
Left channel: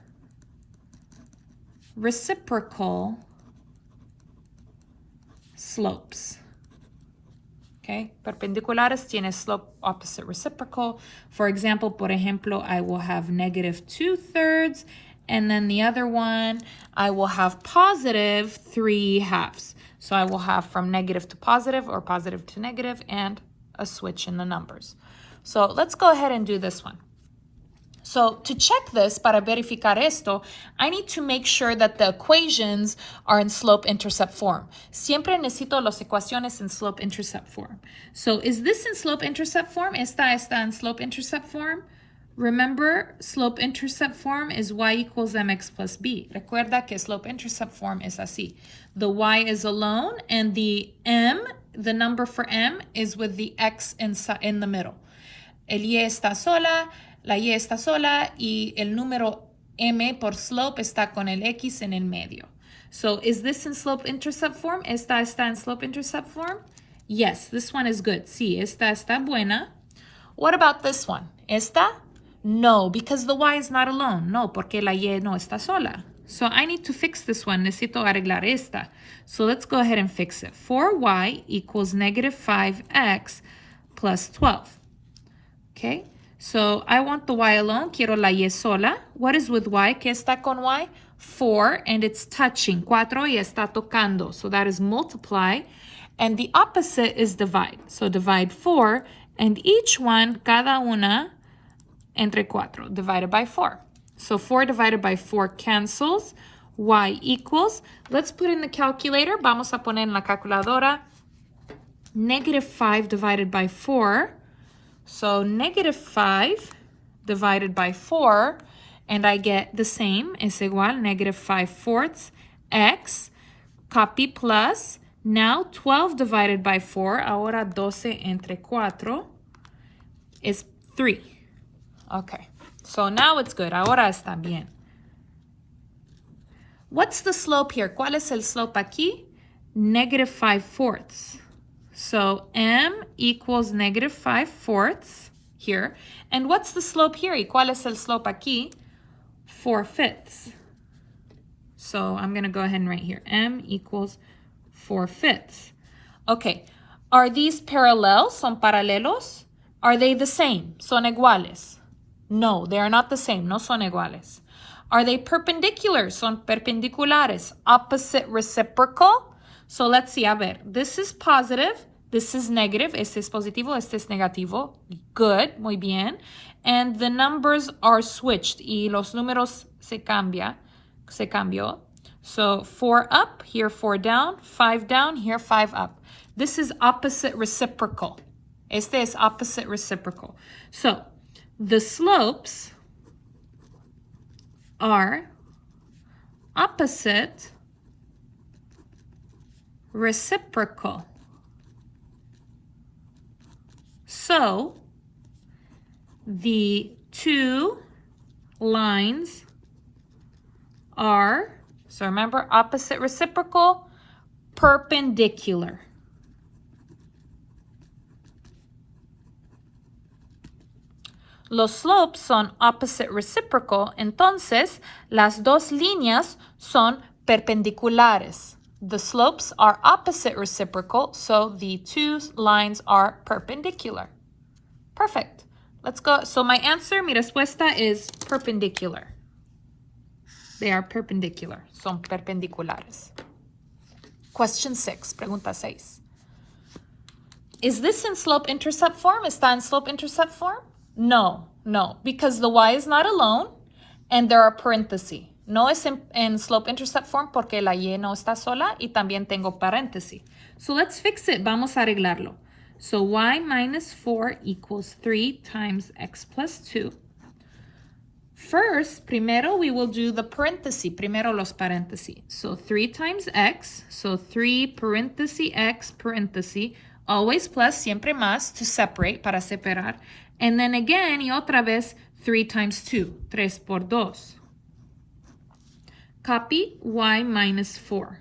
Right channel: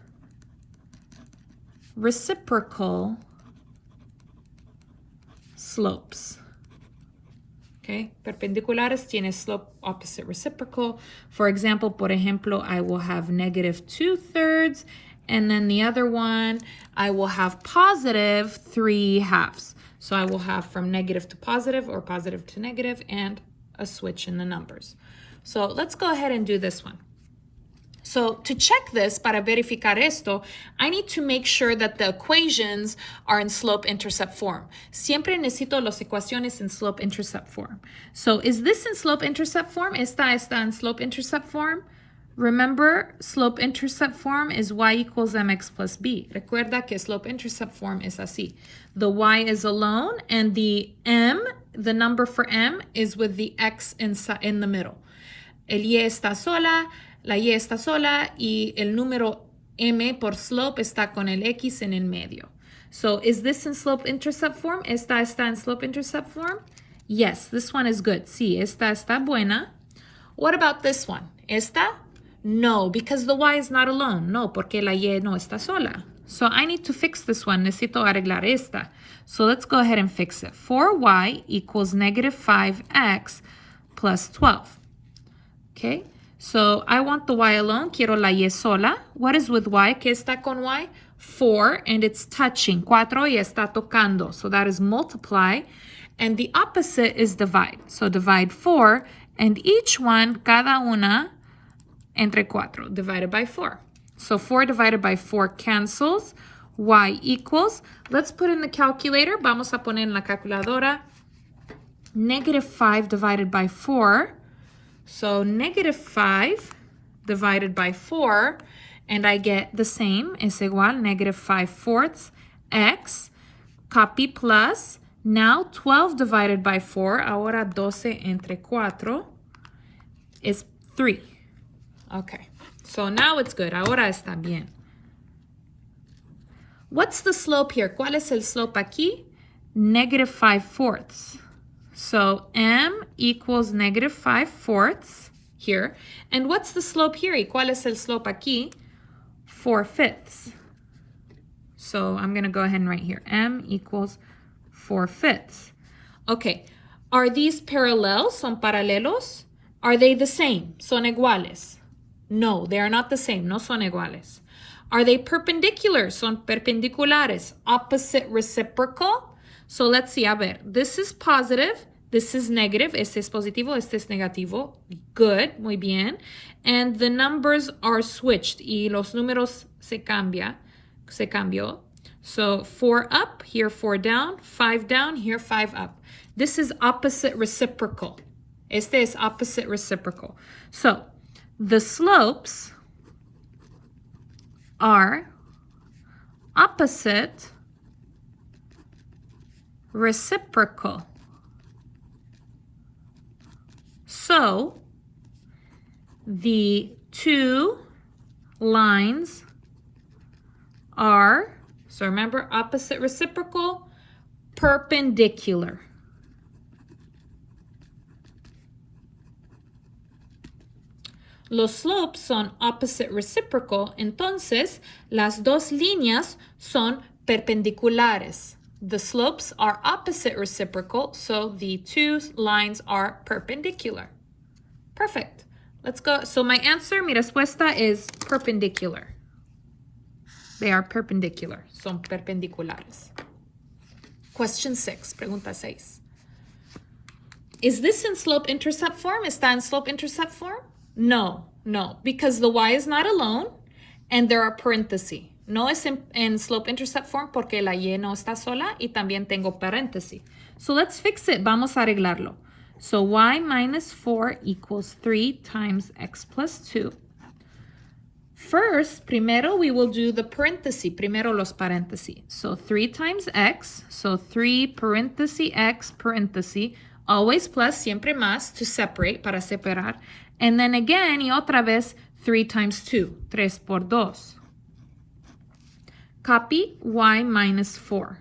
reciprocal slopes. Okay, perpendiculares tiene slope opposite reciprocal. For example, por ejemplo, I will have negative 2/3. And then the other one, I will have positive 3/2. So I will have from negative to positive or positive to negative and a switch in the numbers. So let's go ahead and do this one. So to check this, para verificar esto, I need to make sure that the equations are in slope-intercept form. Siempre necesito las ecuaciones en slope-intercept form. So is this in slope-intercept form? Esta está en slope-intercept form? Remember, slope-intercept form is y equals mx plus b. Recuerda que slope-intercept form is así. The y is alone, and the m, the number for m, is with the x in the middle. El y está sola, la y está sola, y el número m por slope está con el x en el medio. So is this in slope-intercept form? Esta está en slope-intercept form? Yes, this one is good. Sí, esta está buena. What about this one? Esta? No, because the y is not alone. No, porque la y no está sola. So I need to fix this one. Necesito arreglar esta. So let's go ahead and fix it. 4y equals negative 5x plus 12. Okay, So I want the y alone. Quiero la y sola. What is with y? ¿Qué está con y? 4, and it's touching. 4 y está tocando. So that is multiply. And the opposite is divide. So divide 4, and each one, cada una, entre 4, divided by 4. So 4 divided by 4 cancels. Y equals, let's put in the calculator. Vamos a poner en la calculadora. Negative 5 divided by 4. So negative 5 divided by 4, and I get the same, es igual, negative 5/4 x, copy plus, now 12 divided by 4, ahora 12 entre 4, is 3. Okay, so now it's good, ahora está bien. What's the slope here? ¿Cuál es el slope aquí? Negative 5/4. So m equals negative 5/4 here. And what's the slope here? ¿Y cuál es el slope aquí? 4/5. So I'm going to go ahead and write here. M equals 4/5. Okay. Are these parallel? ¿Son paralelos? Are they the same? ¿Son iguales? No, they are not the same. No son iguales. Are they perpendicular? Son perpendiculares. Opposite reciprocal? So let's see, a ver, this is positive, this is negative, este es positivo, este es negativo. Good, muy bien. And the numbers are switched, y los números se cambió. So 4 up, here 4 down, 5 down, here 5 up. This is opposite reciprocal. Este es opposite reciprocal. So the slopes are opposite reciprocal. So the two lines are, so remember, opposite reciprocal, perpendicular. Los slopes son opposite reciprocal, entonces las dos líneas son perpendiculares. The slopes are opposite reciprocal, so the two lines are perpendicular. Perfect. Let's go. So my answer, mi respuesta is perpendicular. They are perpendicular. Son perpendiculares. Question 6, pregunta 6. Is this in slope-intercept form? ¿Está en slope-intercept form? No, because the y is not alone and there are parentheses. No es en slope-intercept form porque la y no está sola y también tengo paréntesis. So let's fix it. Vamos a arreglarlo. So y minus 4 equals 3 times x plus 2. First, primero we will do the paréntesis. Primero los paréntesis. So 3 times x. So 3 paréntesis x paréntesis. Always plus, siempre más, to separate, para separar. And then again, y otra vez, 3 times 2. 3 por 2. Copy y minus 4.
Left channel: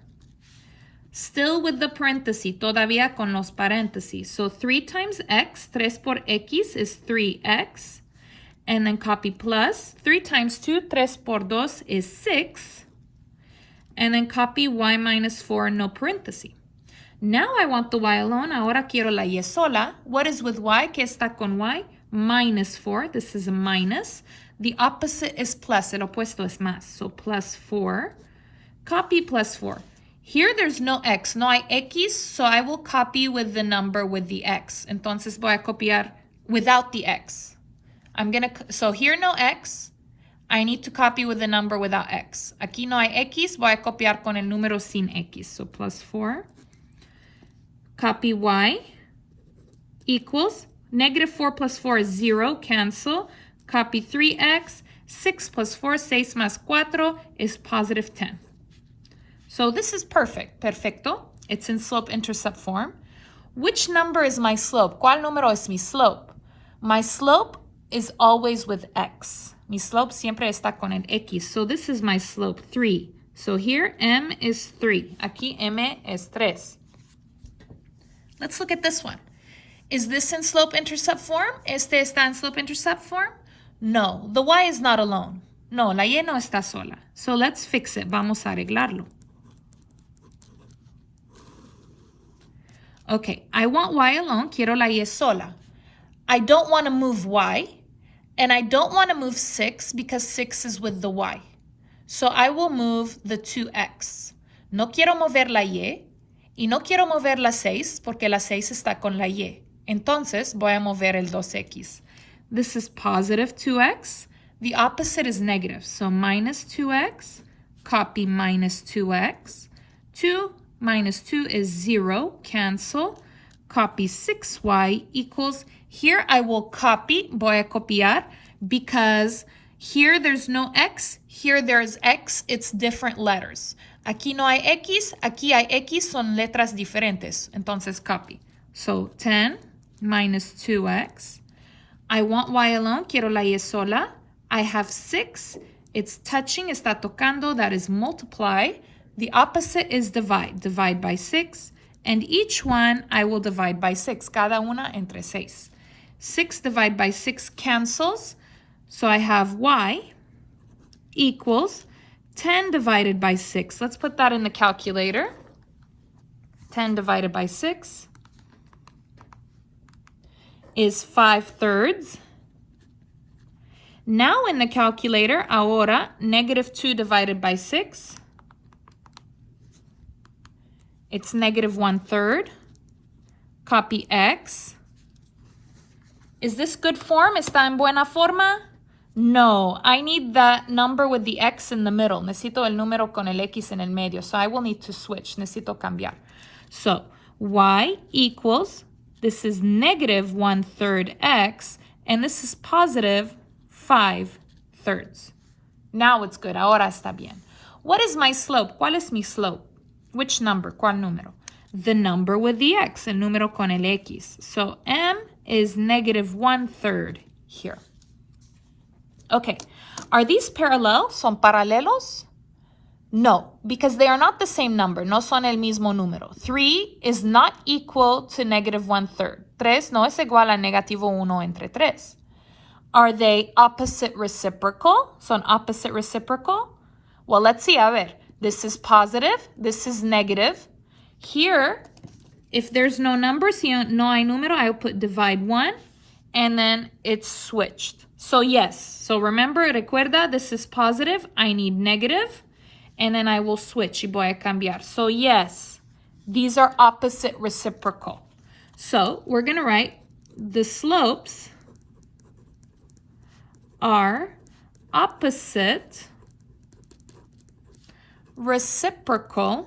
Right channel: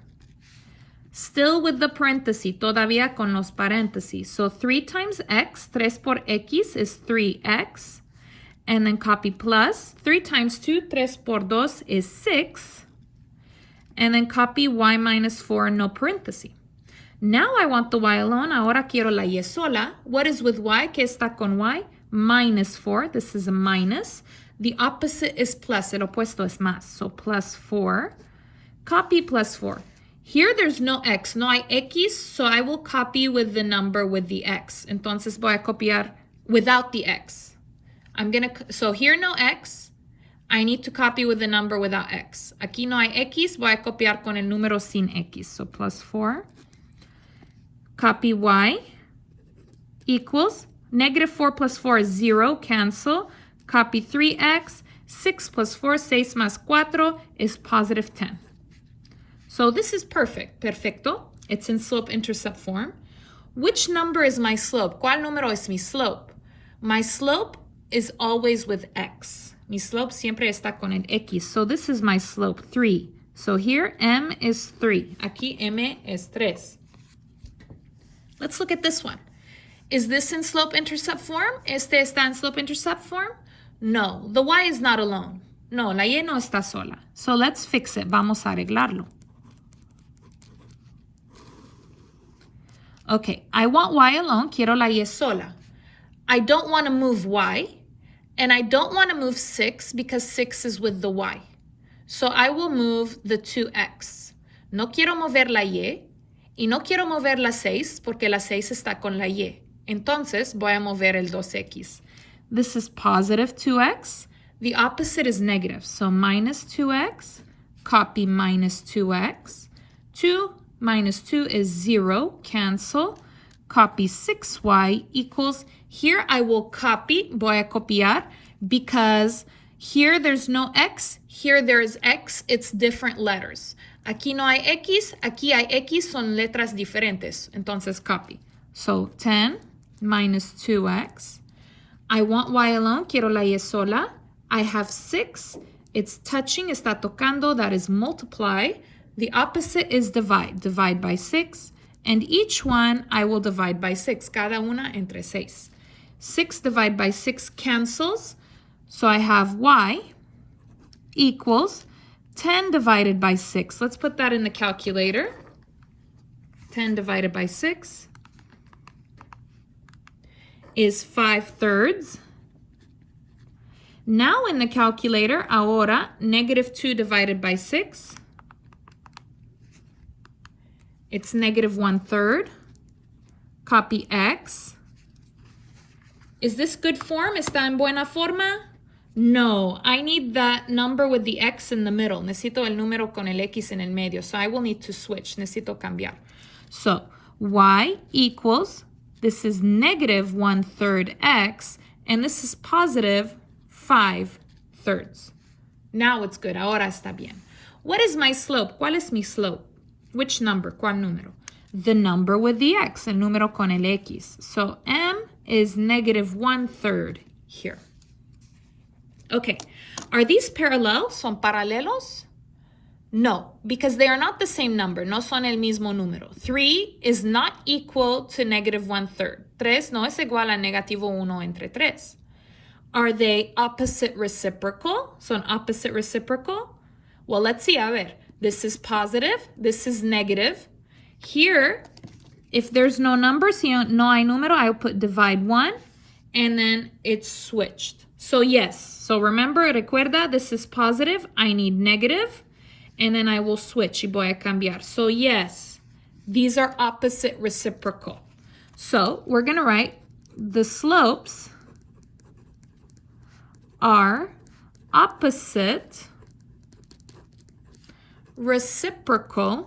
Still with the parenthesis, todavía con los paréntesis. So 3 times x, 3 por x is 3x. And then copy plus, 3 times 2, 3 por 2 is 6. And then copy y minus 4, no paréntesis. Now I want the y alone. Ahora quiero la y sola. What is with y? ¿Qué está con y? Minus 4. This is a minus. The opposite is plus. El opuesto es más. So plus 4. Copy plus 4. Here there's no x. No hay x, so I will copy with the number with the x. Entonces voy a copiar without the x. So here no x. I need to copy with the number without x. Aquí no hay x. Voy a copiar con el número sin x. So plus 4. Copy y equals negative 4 plus 4 is 0. Cancel. Copy 3x. 6 plus 4, 6 más 4 is positive 10. So this is perfect. Perfecto. It's in slope-intercept form. Which number is my slope? ¿Cuál número es mi slope? My slope is always with x. Mi slope siempre está con el x. So this is my slope, 3. So here m is 3. Aquí m es 3. Let's look at this one. Is this in slope-intercept form? ¿Este está en slope-intercept form? No, the y is not alone. No, la y no está sola. So let's fix it. Vamos a arreglarlo. Okay, I want y alone. Quiero la y sola. I don't want to move y. And I don't want to move 6 because 6 is with the y. So I will move the 2x. No quiero mover la y y no quiero mover la 6 porque la 6 está con la y. Entonces voy a mover el 2x. This is positive 2x. The opposite is negative. So minus 2x, copy minus 2x. 2 minus 2 is 0, cancel. Copy 6y equals, here I will copy, voy a copiar, because here there's no x, here there's x, it's different letters. Aquí no hay x, aquí hay x, son letras diferentes. Entonces copy. So 10 minus 2x. I want y alone, quiero la y sola. I have 6, it's touching, está tocando, that is multiply. The opposite is divide. Divide by 6. And each one I will divide by 6. Cada una entre 6. 6 divided by 6 cancels. So I have y equals 10 divided by 6. Let's put that in the calculator. 10 divided by 6 is 5/3. Now in the calculator, ahora, negative 2 divided by 6. It's negative 1/3. Copy x. Is this good form? ¿Está en buena forma? No, I need the number with the x in the middle. Necesito el número con el x en el medio. So I will need to switch. Necesito cambiar. So y equals, this is negative 1/3 x, and this is positive 5/3. Now it's good. Ahora está bien. What is my slope? ¿Cuál es mi slope? Which number? ¿Cuál número? The number with the x, el número con el x. So m is negative 1/3 here. Okay, are these parallel? ¿Son paralelos? No, because they are not the same number. No son el mismo número. 3 is not equal to negative 1/3. 3 no es igual a negativo 1 entre 3. Are they opposite reciprocal? Son opposite reciprocal? Well, let's see. A ver. This is positive, this is negative. Here, if there's no number, si no hay número, I'll put divide 1, and then it's switched. So yes, so remember, recuerda, this is positive, I need negative, and then I will switch, y voy a cambiar. So yes, these are opposite reciprocal. So we're gonna write the slopes are opposite reciprocal,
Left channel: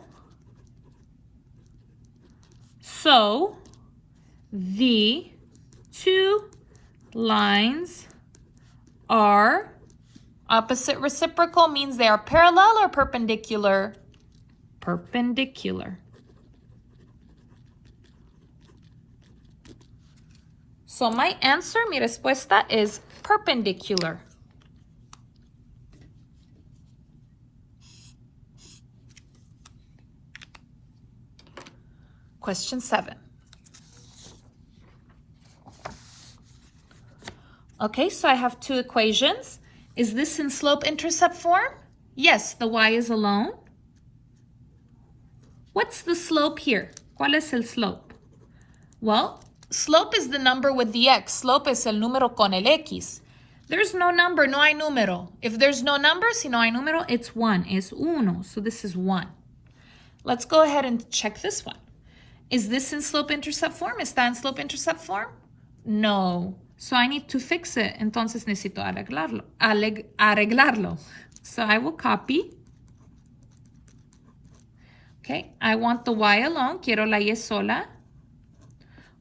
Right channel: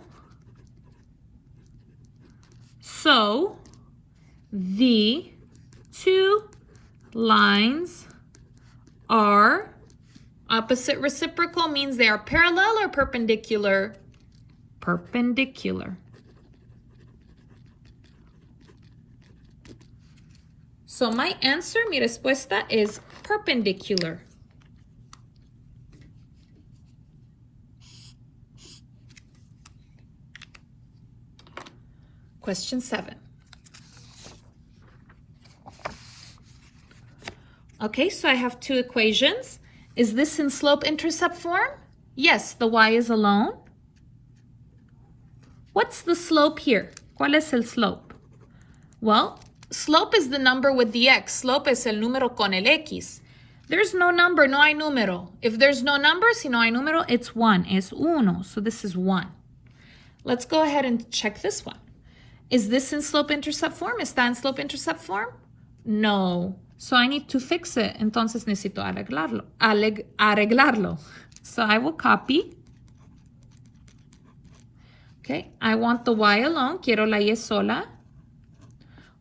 so the two lines are opposite reciprocal means they are parallel or perpendicular? Perpendicular. So my answer, mi respuesta is perpendicular. Question 7. Okay, so I have two equations. Is this in slope-intercept form? Yes, the y is alone. What's the slope here? ¿Cuál es el slope? Well, slope is the number with the x. Slope es el número con el x. There's no number, no hay número. If there's no number, si no hay número, it's 1. Es uno. So this is 1. Let's go ahead and check this one. Is this in slope-intercept form? ¿Está en slope-intercept form? No. So I need to fix it. Entonces necesito arreglarlo. So I will copy. Okay, I want the y alone. Quiero la y sola.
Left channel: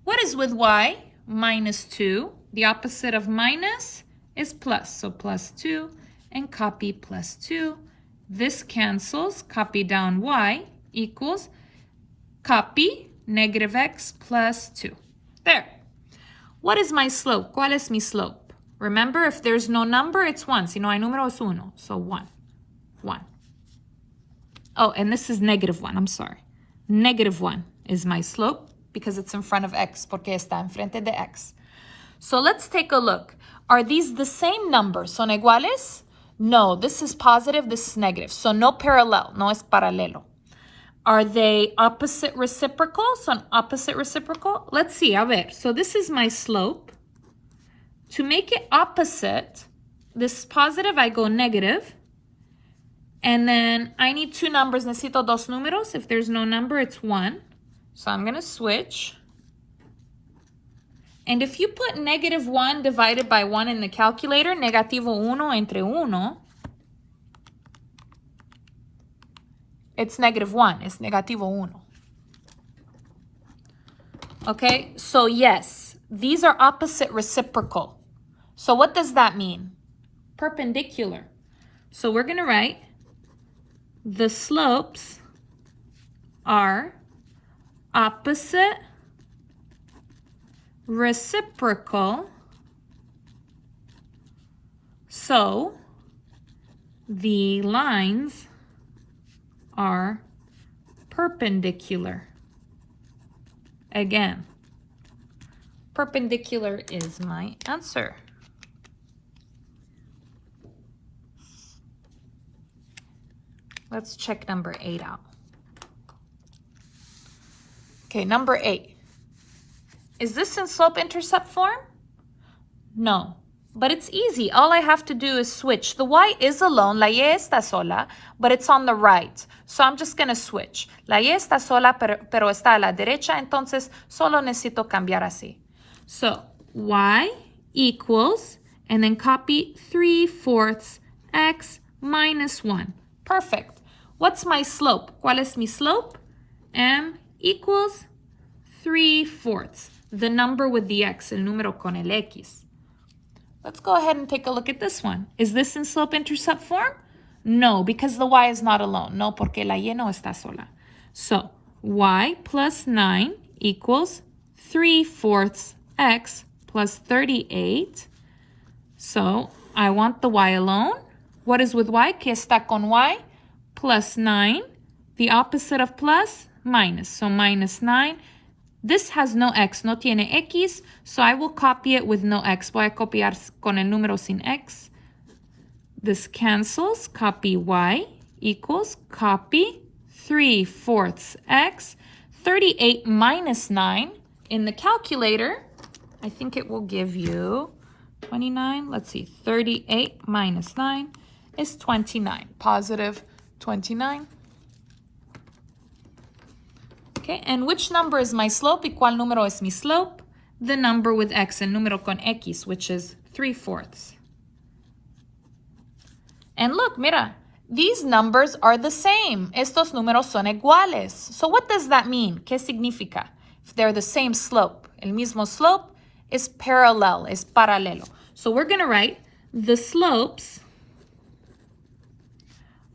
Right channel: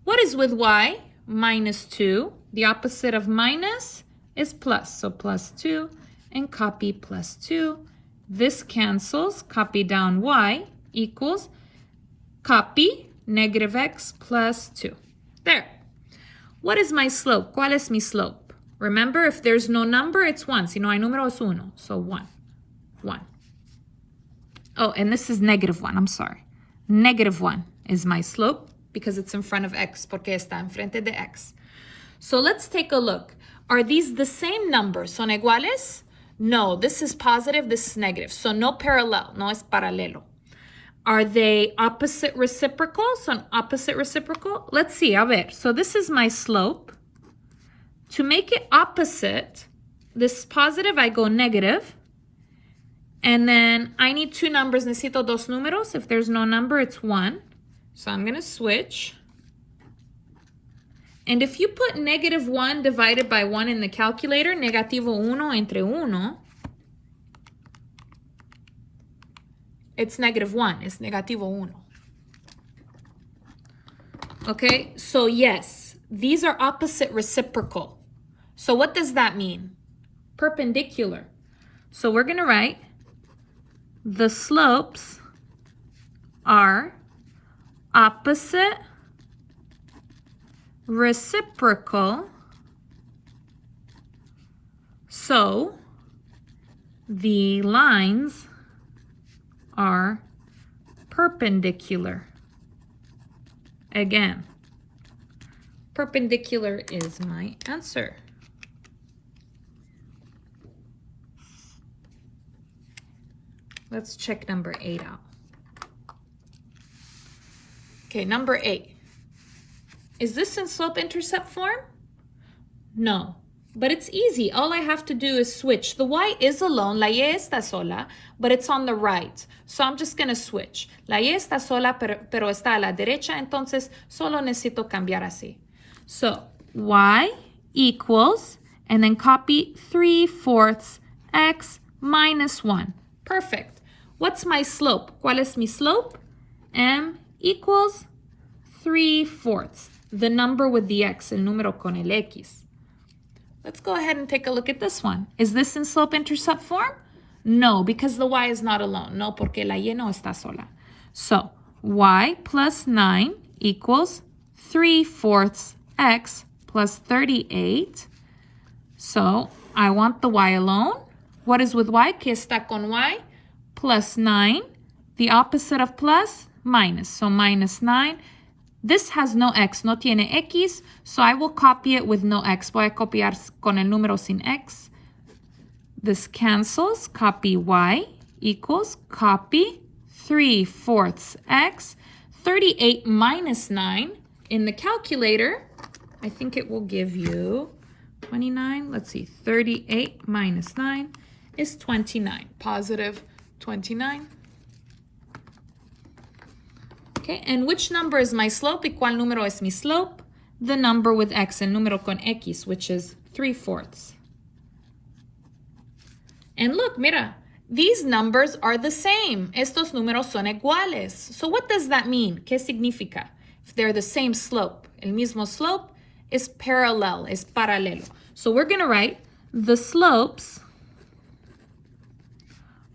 What is with y? Minus 2. The opposite of minus is plus. So plus 2 and copy plus 2. This cancels. Copy down y equals copy negative x plus 2. There. What is my slope? ¿Cuál es mi slope? Remember, if there's no number, it's 1. Si no hay número, es 1. So 1. 1. Oh, and this is negative 1. I'm sorry. Negative 1 is my slope because it's in front of x, porque está enfrente de x. So let's take a look. Are these the same numbers? ¿Son iguales? No, this is positive, this is negative. So no parallel, no es paralelo. Are they opposite reciprocal? Son opposite reciprocal? Let's see, a ver. So this is my slope. To make it opposite, this is positive, I go negative. And then I need two numbers. Necesito dos números. If there's no number, it's 1. So I'm going to switch. And if you put negative 1 divided by 1 in the calculator, negativo 1 entre 1, it's negative 1. It's negativo 1. Okay, so yes, these are opposite reciprocal. So what does that mean? Perpendicular. So we're going to write the slopes are opposite reciprocal, so the lines are perpendicular. Again, perpendicular is my answer. Let's check number 8 out. Okay, number 8. Is this in slope-intercept form? No, but it's easy. All I have to do is switch. The y is alone, la y está sola, but it's on the right. So I'm just going to switch. La y está sola, pero está a la derecha, entonces solo necesito cambiar así. So y equals, and then copy 3/4 x minus 1. Perfect. What's my slope? ¿Cuál es mi slope? M equals 3/4. The number with the x, el número con el x. Let's go ahead and take a look at this one. Is this in slope-intercept form? No, because the y is not alone. No, porque la y no está sola. So, y plus 9 equals 3/4 x plus 38. So, I want the y alone. What is with y? ¿Qué está con y? Plus 9. The opposite of plus, minus. So, minus 9. This has no x, no tiene x, so I will copy it with no x. Voy a copiar con el número sin x. This cancels. Copy y equals copy 3/4 x. 38 minus 9 in the calculator. I think it will give you 29. Let's see. 38 minus 9 is 29. Positive 29. Okay, and which number is my slope? ¿Y cuál número es mi slope? The number with x, el número con x, which is 3/4. And look, mira, these numbers are the same. Estos números son iguales. So what does that mean? ¿Qué significa? If they're the same slope, el mismo slope is parallel, es paralelo. So we're going to write the slopes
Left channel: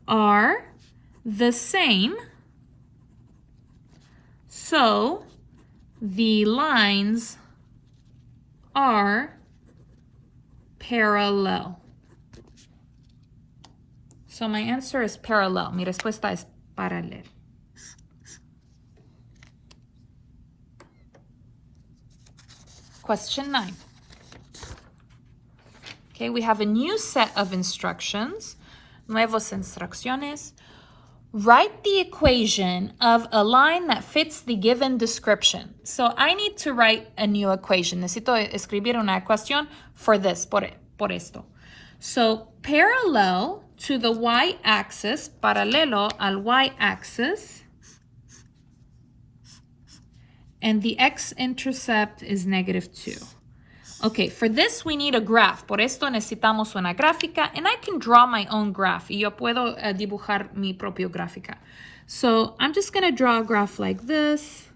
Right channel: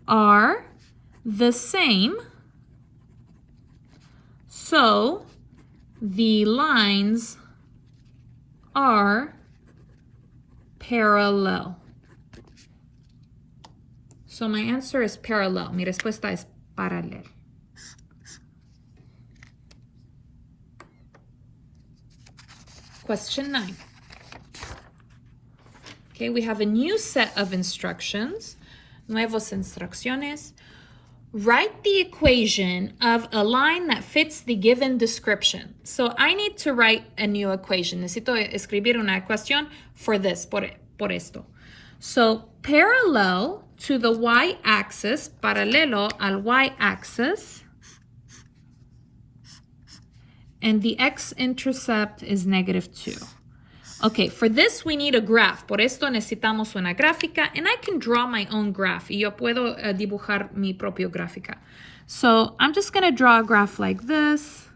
are the same. So the lines are parallel. So my answer is parallel. Mi respuesta es paralel. Question 9. Okay, we have a new set of instructions. Nuevos instrucciones. Write the equation of a line that fits the given description. So I need to write a new equation. Necesito escribir una ecuación for this, por esto. So parallel to the y-axis, paralelo al y-axis, and the x-intercept is -2. Okay, for this we need a graph. Por esto necesitamos una gráfica, and I can draw my own graph. Y yo puedo dibujar mi propio gráfica. So I'm just going to draw a graph like this.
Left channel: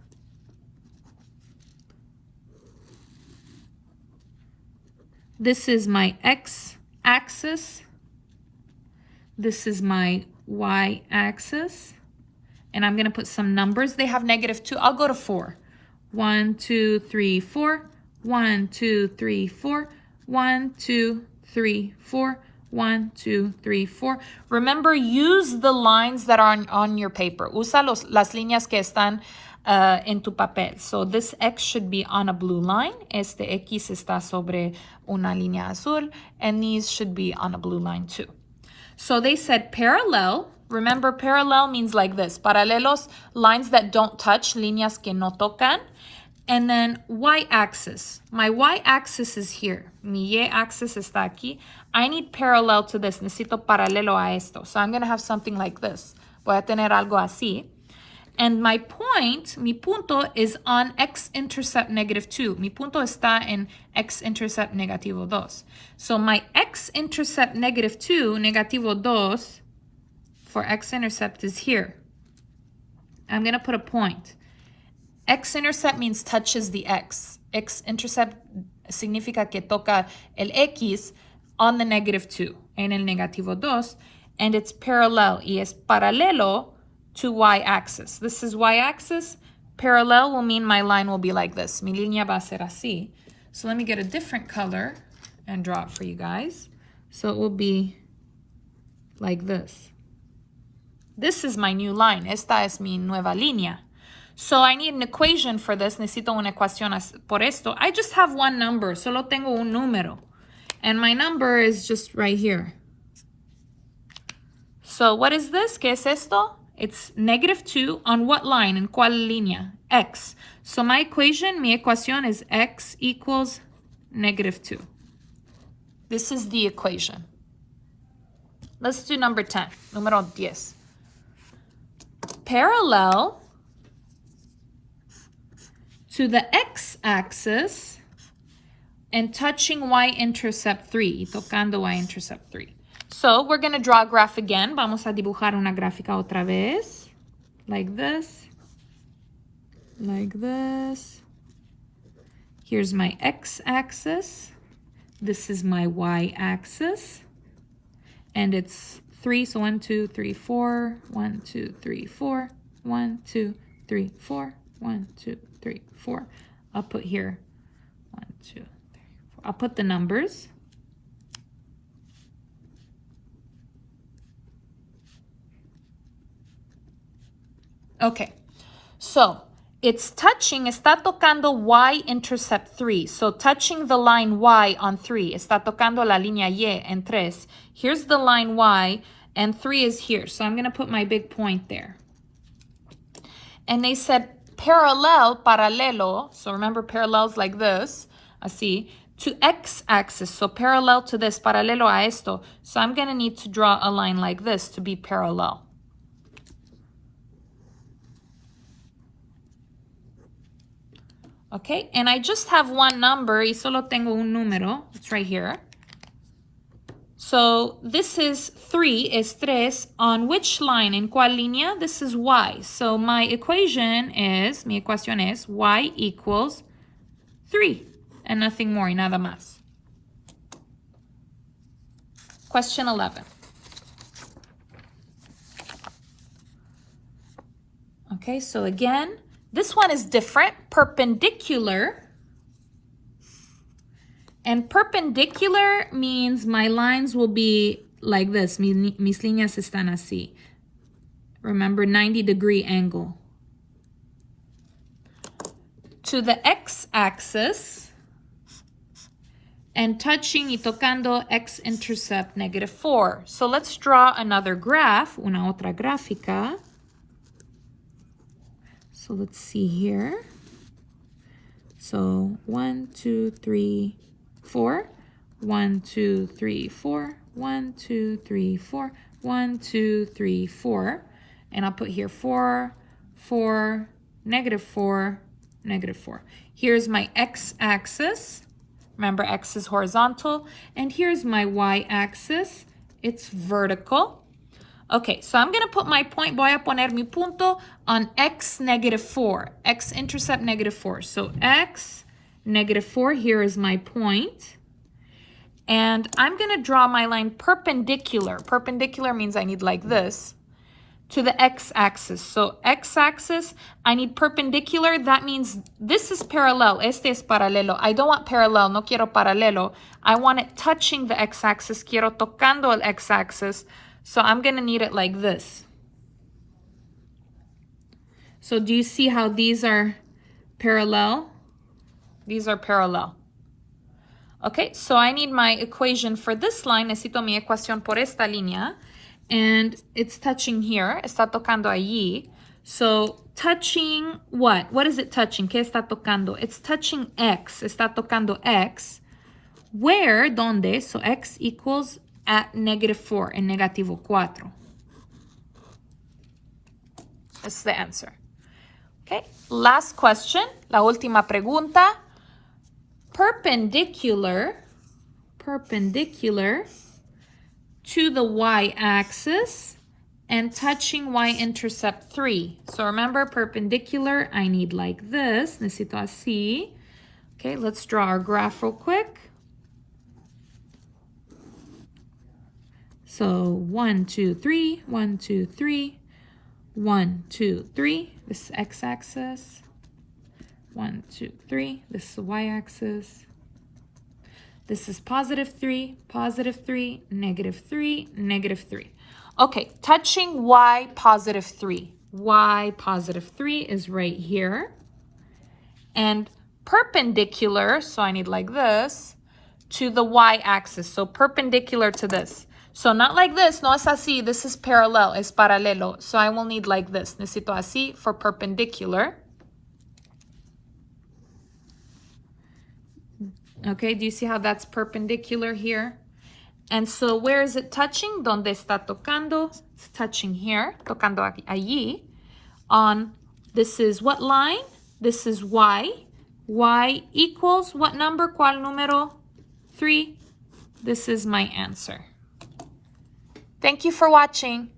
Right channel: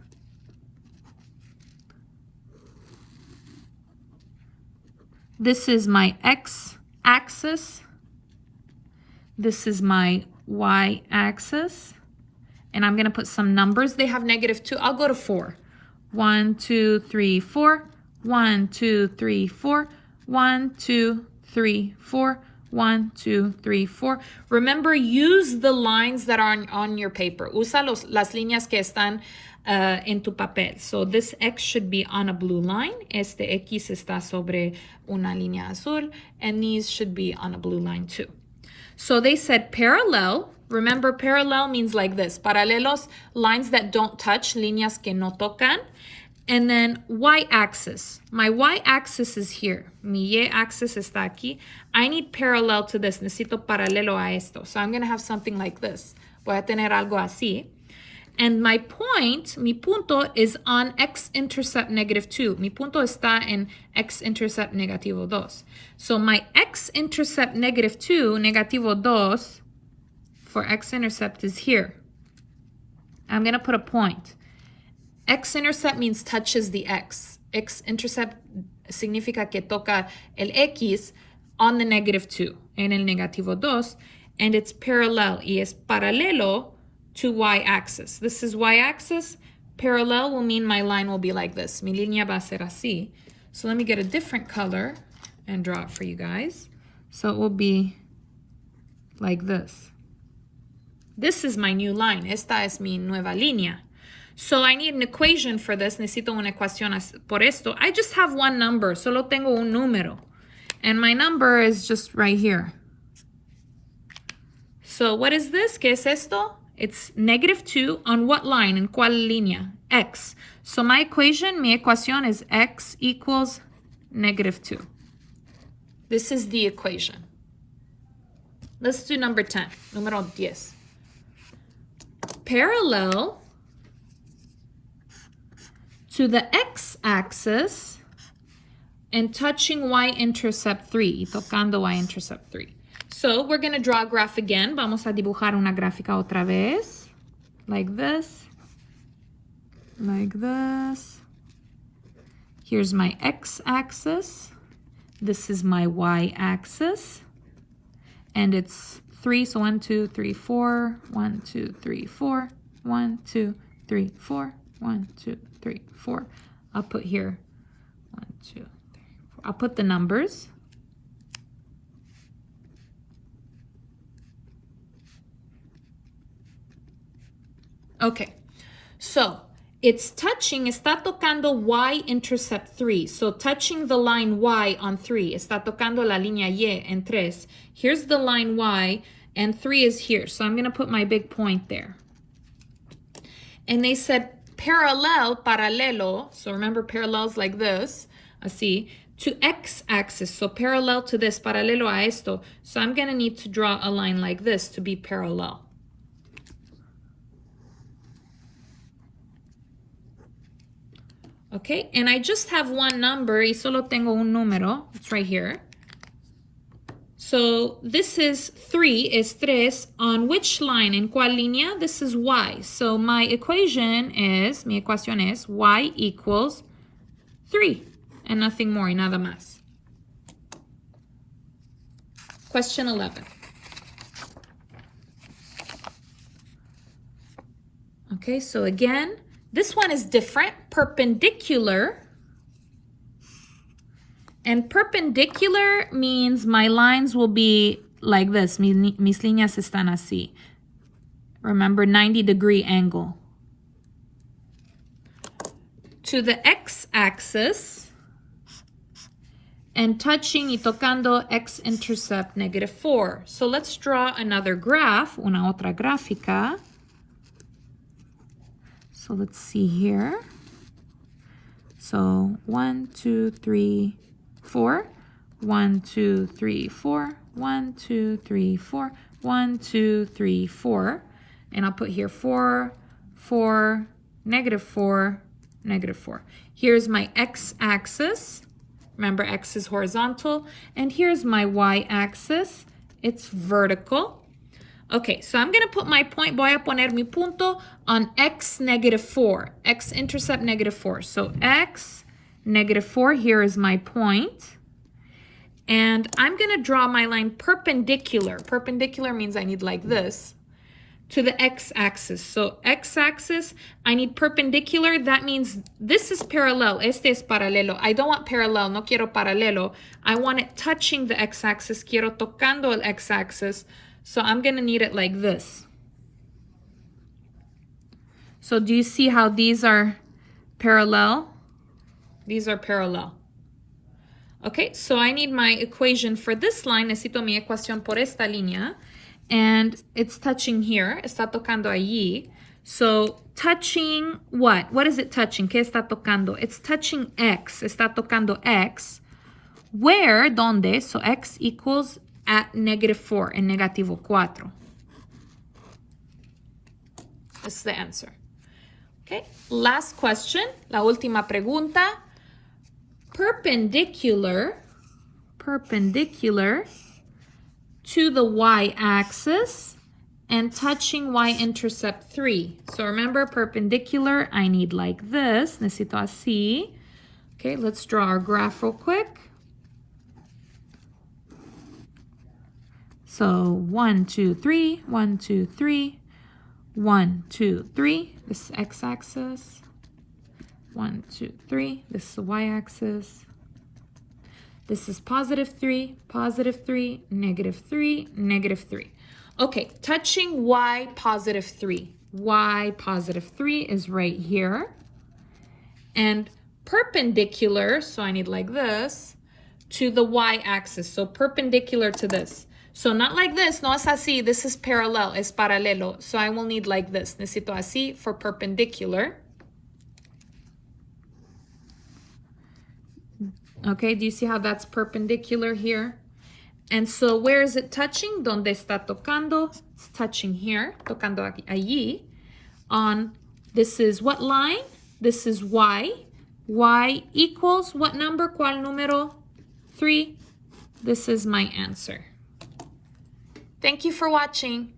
This is my x-axis. This is my y-axis. And I'm going to put some numbers. They have -2. I'll go to 4. 1, 2, 3, 4. 1, 2, 3, 4. 1, 2, 3, 4. 1, 2, 3, 4. Remember, use the lines that are on your paper. Usa las líneas que están en tu papel. So this X should be on a blue line. Este X está sobre una línea azul. And these should be on a blue line too. So they said parallel. Remember, parallel means like this. Paralelos, lines that don't touch, líneas que no tocan. And then y-axis. My y-axis is here. Mi y-axis está aquí. I need parallel to this. Necesito paralelo a esto. So I'm going to have something like this. Voy a tener algo así. And my point, mi punto, is on x-intercept -2. Mi punto está en x-intercept -2. So my x-intercept -2, -2, for x-intercept is here. I'm going to put a point. X-intercept means touches the x. X-intercept significa que toca el x on the -2, en el -2, and it's parallel, y es paralelo to y-axis. This is y-axis. Parallel will mean my line will be like this. Mi línea va a ser así. So let me get a different color and draw it for you guys. So it will be like this. This is my new line. Esta es mi nueva línea. So I need an equation for this. Necesito una ecuación por esto. I just have one number. Solo tengo un número. And my number is just right here. So what is this? ¿Qué es esto? It's -2 on what line? ¿En cuál línea? X. So my equation, mi ecuación is x equals -2. This is the equation. Let's do number 10. Número 10. Parallel to the x-axis and touching y-intercept 3, y tocando y-intercept 3. So we're going to draw a graph again. Vamos a dibujar una gráfica otra vez. Like this. Like this. Here's my x-axis. This is my y-axis. And it's 3, so 1, 2, 3, 4. 1, 2, 3, 4. 1, 2, 3, 4. 1, 2, 3, 4. I'll put here 1, 2, 3, 4. I'll put the numbers. Okay, so it's touching, está tocando y-intercept 3. So touching the line y on 3, está tocando la línea y en 3. Here's the line y, and 3 is here. So I'm going to put my big point there. And they said paralelo, so remember parallels like this, así, to x-axis, so parallel to this, paralelo a esto. So I'm going to need to draw a line like this to be parallel. Okay, and I just have one number, y solo tengo un número, it's right here. So this is 3, es 3, on which line? ¿En cuál línea? This is y. So my equation is, mi ecuación es y equals 3, and nothing more, y nada más. Question 11. Okay, so again, this one is different, perpendicular. And perpendicular means my lines will be like this. Mis líneas están así. Remember, 90-degree angle. To the x-axis and touching y tocando x-intercept -4. So let's draw another graph, una otra gráfica. So let's see here. So 1, 2, 3, 4. 1, 2, 3, 4. 1, 2, 3, 4. 1, 2, 3, 4. And I'll put here 4, 4, -4, -4. Here's my x-axis. Remember, x is horizontal. And here's my y-axis. It's vertical. Okay, so I'm going to put my point, voy a poner mi punto on x -4, x-intercept -4. So x -4, here is my point. And I'm going to draw my line perpendicular. Perpendicular means I need like this to the x-axis. So x-axis, I need perpendicular. That means this is parallel. Este es paralelo. I don't want parallel. No quiero paralelo. I want it touching the x-axis. Quiero tocando el x-axis. So I'm going to need it like this. So do you see how these are parallel? These are parallel. Okay, so I need my equation for this line. Necesito mi ecuación por esta línea. And it's touching here. Está tocando allí. So touching what? What is it touching? ¿Qué está tocando? It's touching x. Está tocando x. Where, donde, so x equals at -4, en negativo 4. This is the answer. Okay, last question, la última pregunta. Perpendicular to the y-axis and touching y-intercept 3. So remember, perpendicular, I need like this. Necesito así. Okay, let's draw our graph real quick. So 1, 2, 3, 1, 2, 3, 1, 2, 3. This is x-axis. 1, 2, 3. This is the y-axis. This is +3, -3, -3, -3. Okay, touching y +3. Y +3 is right here. And perpendicular, so I need like this, to the y-axis. So perpendicular to this. So not like this, no es así. This is parallel, es paralelo. So I will need like this. Necesito así for perpendicular. Okay, do you see how that's perpendicular here? And so where is it touching? ¿Dónde está tocando? It's touching here, tocando aquí, allí. On, this is what line? This is y. Y equals what number? ¿Cuál número? 3. This is my answer. Thank you for watching.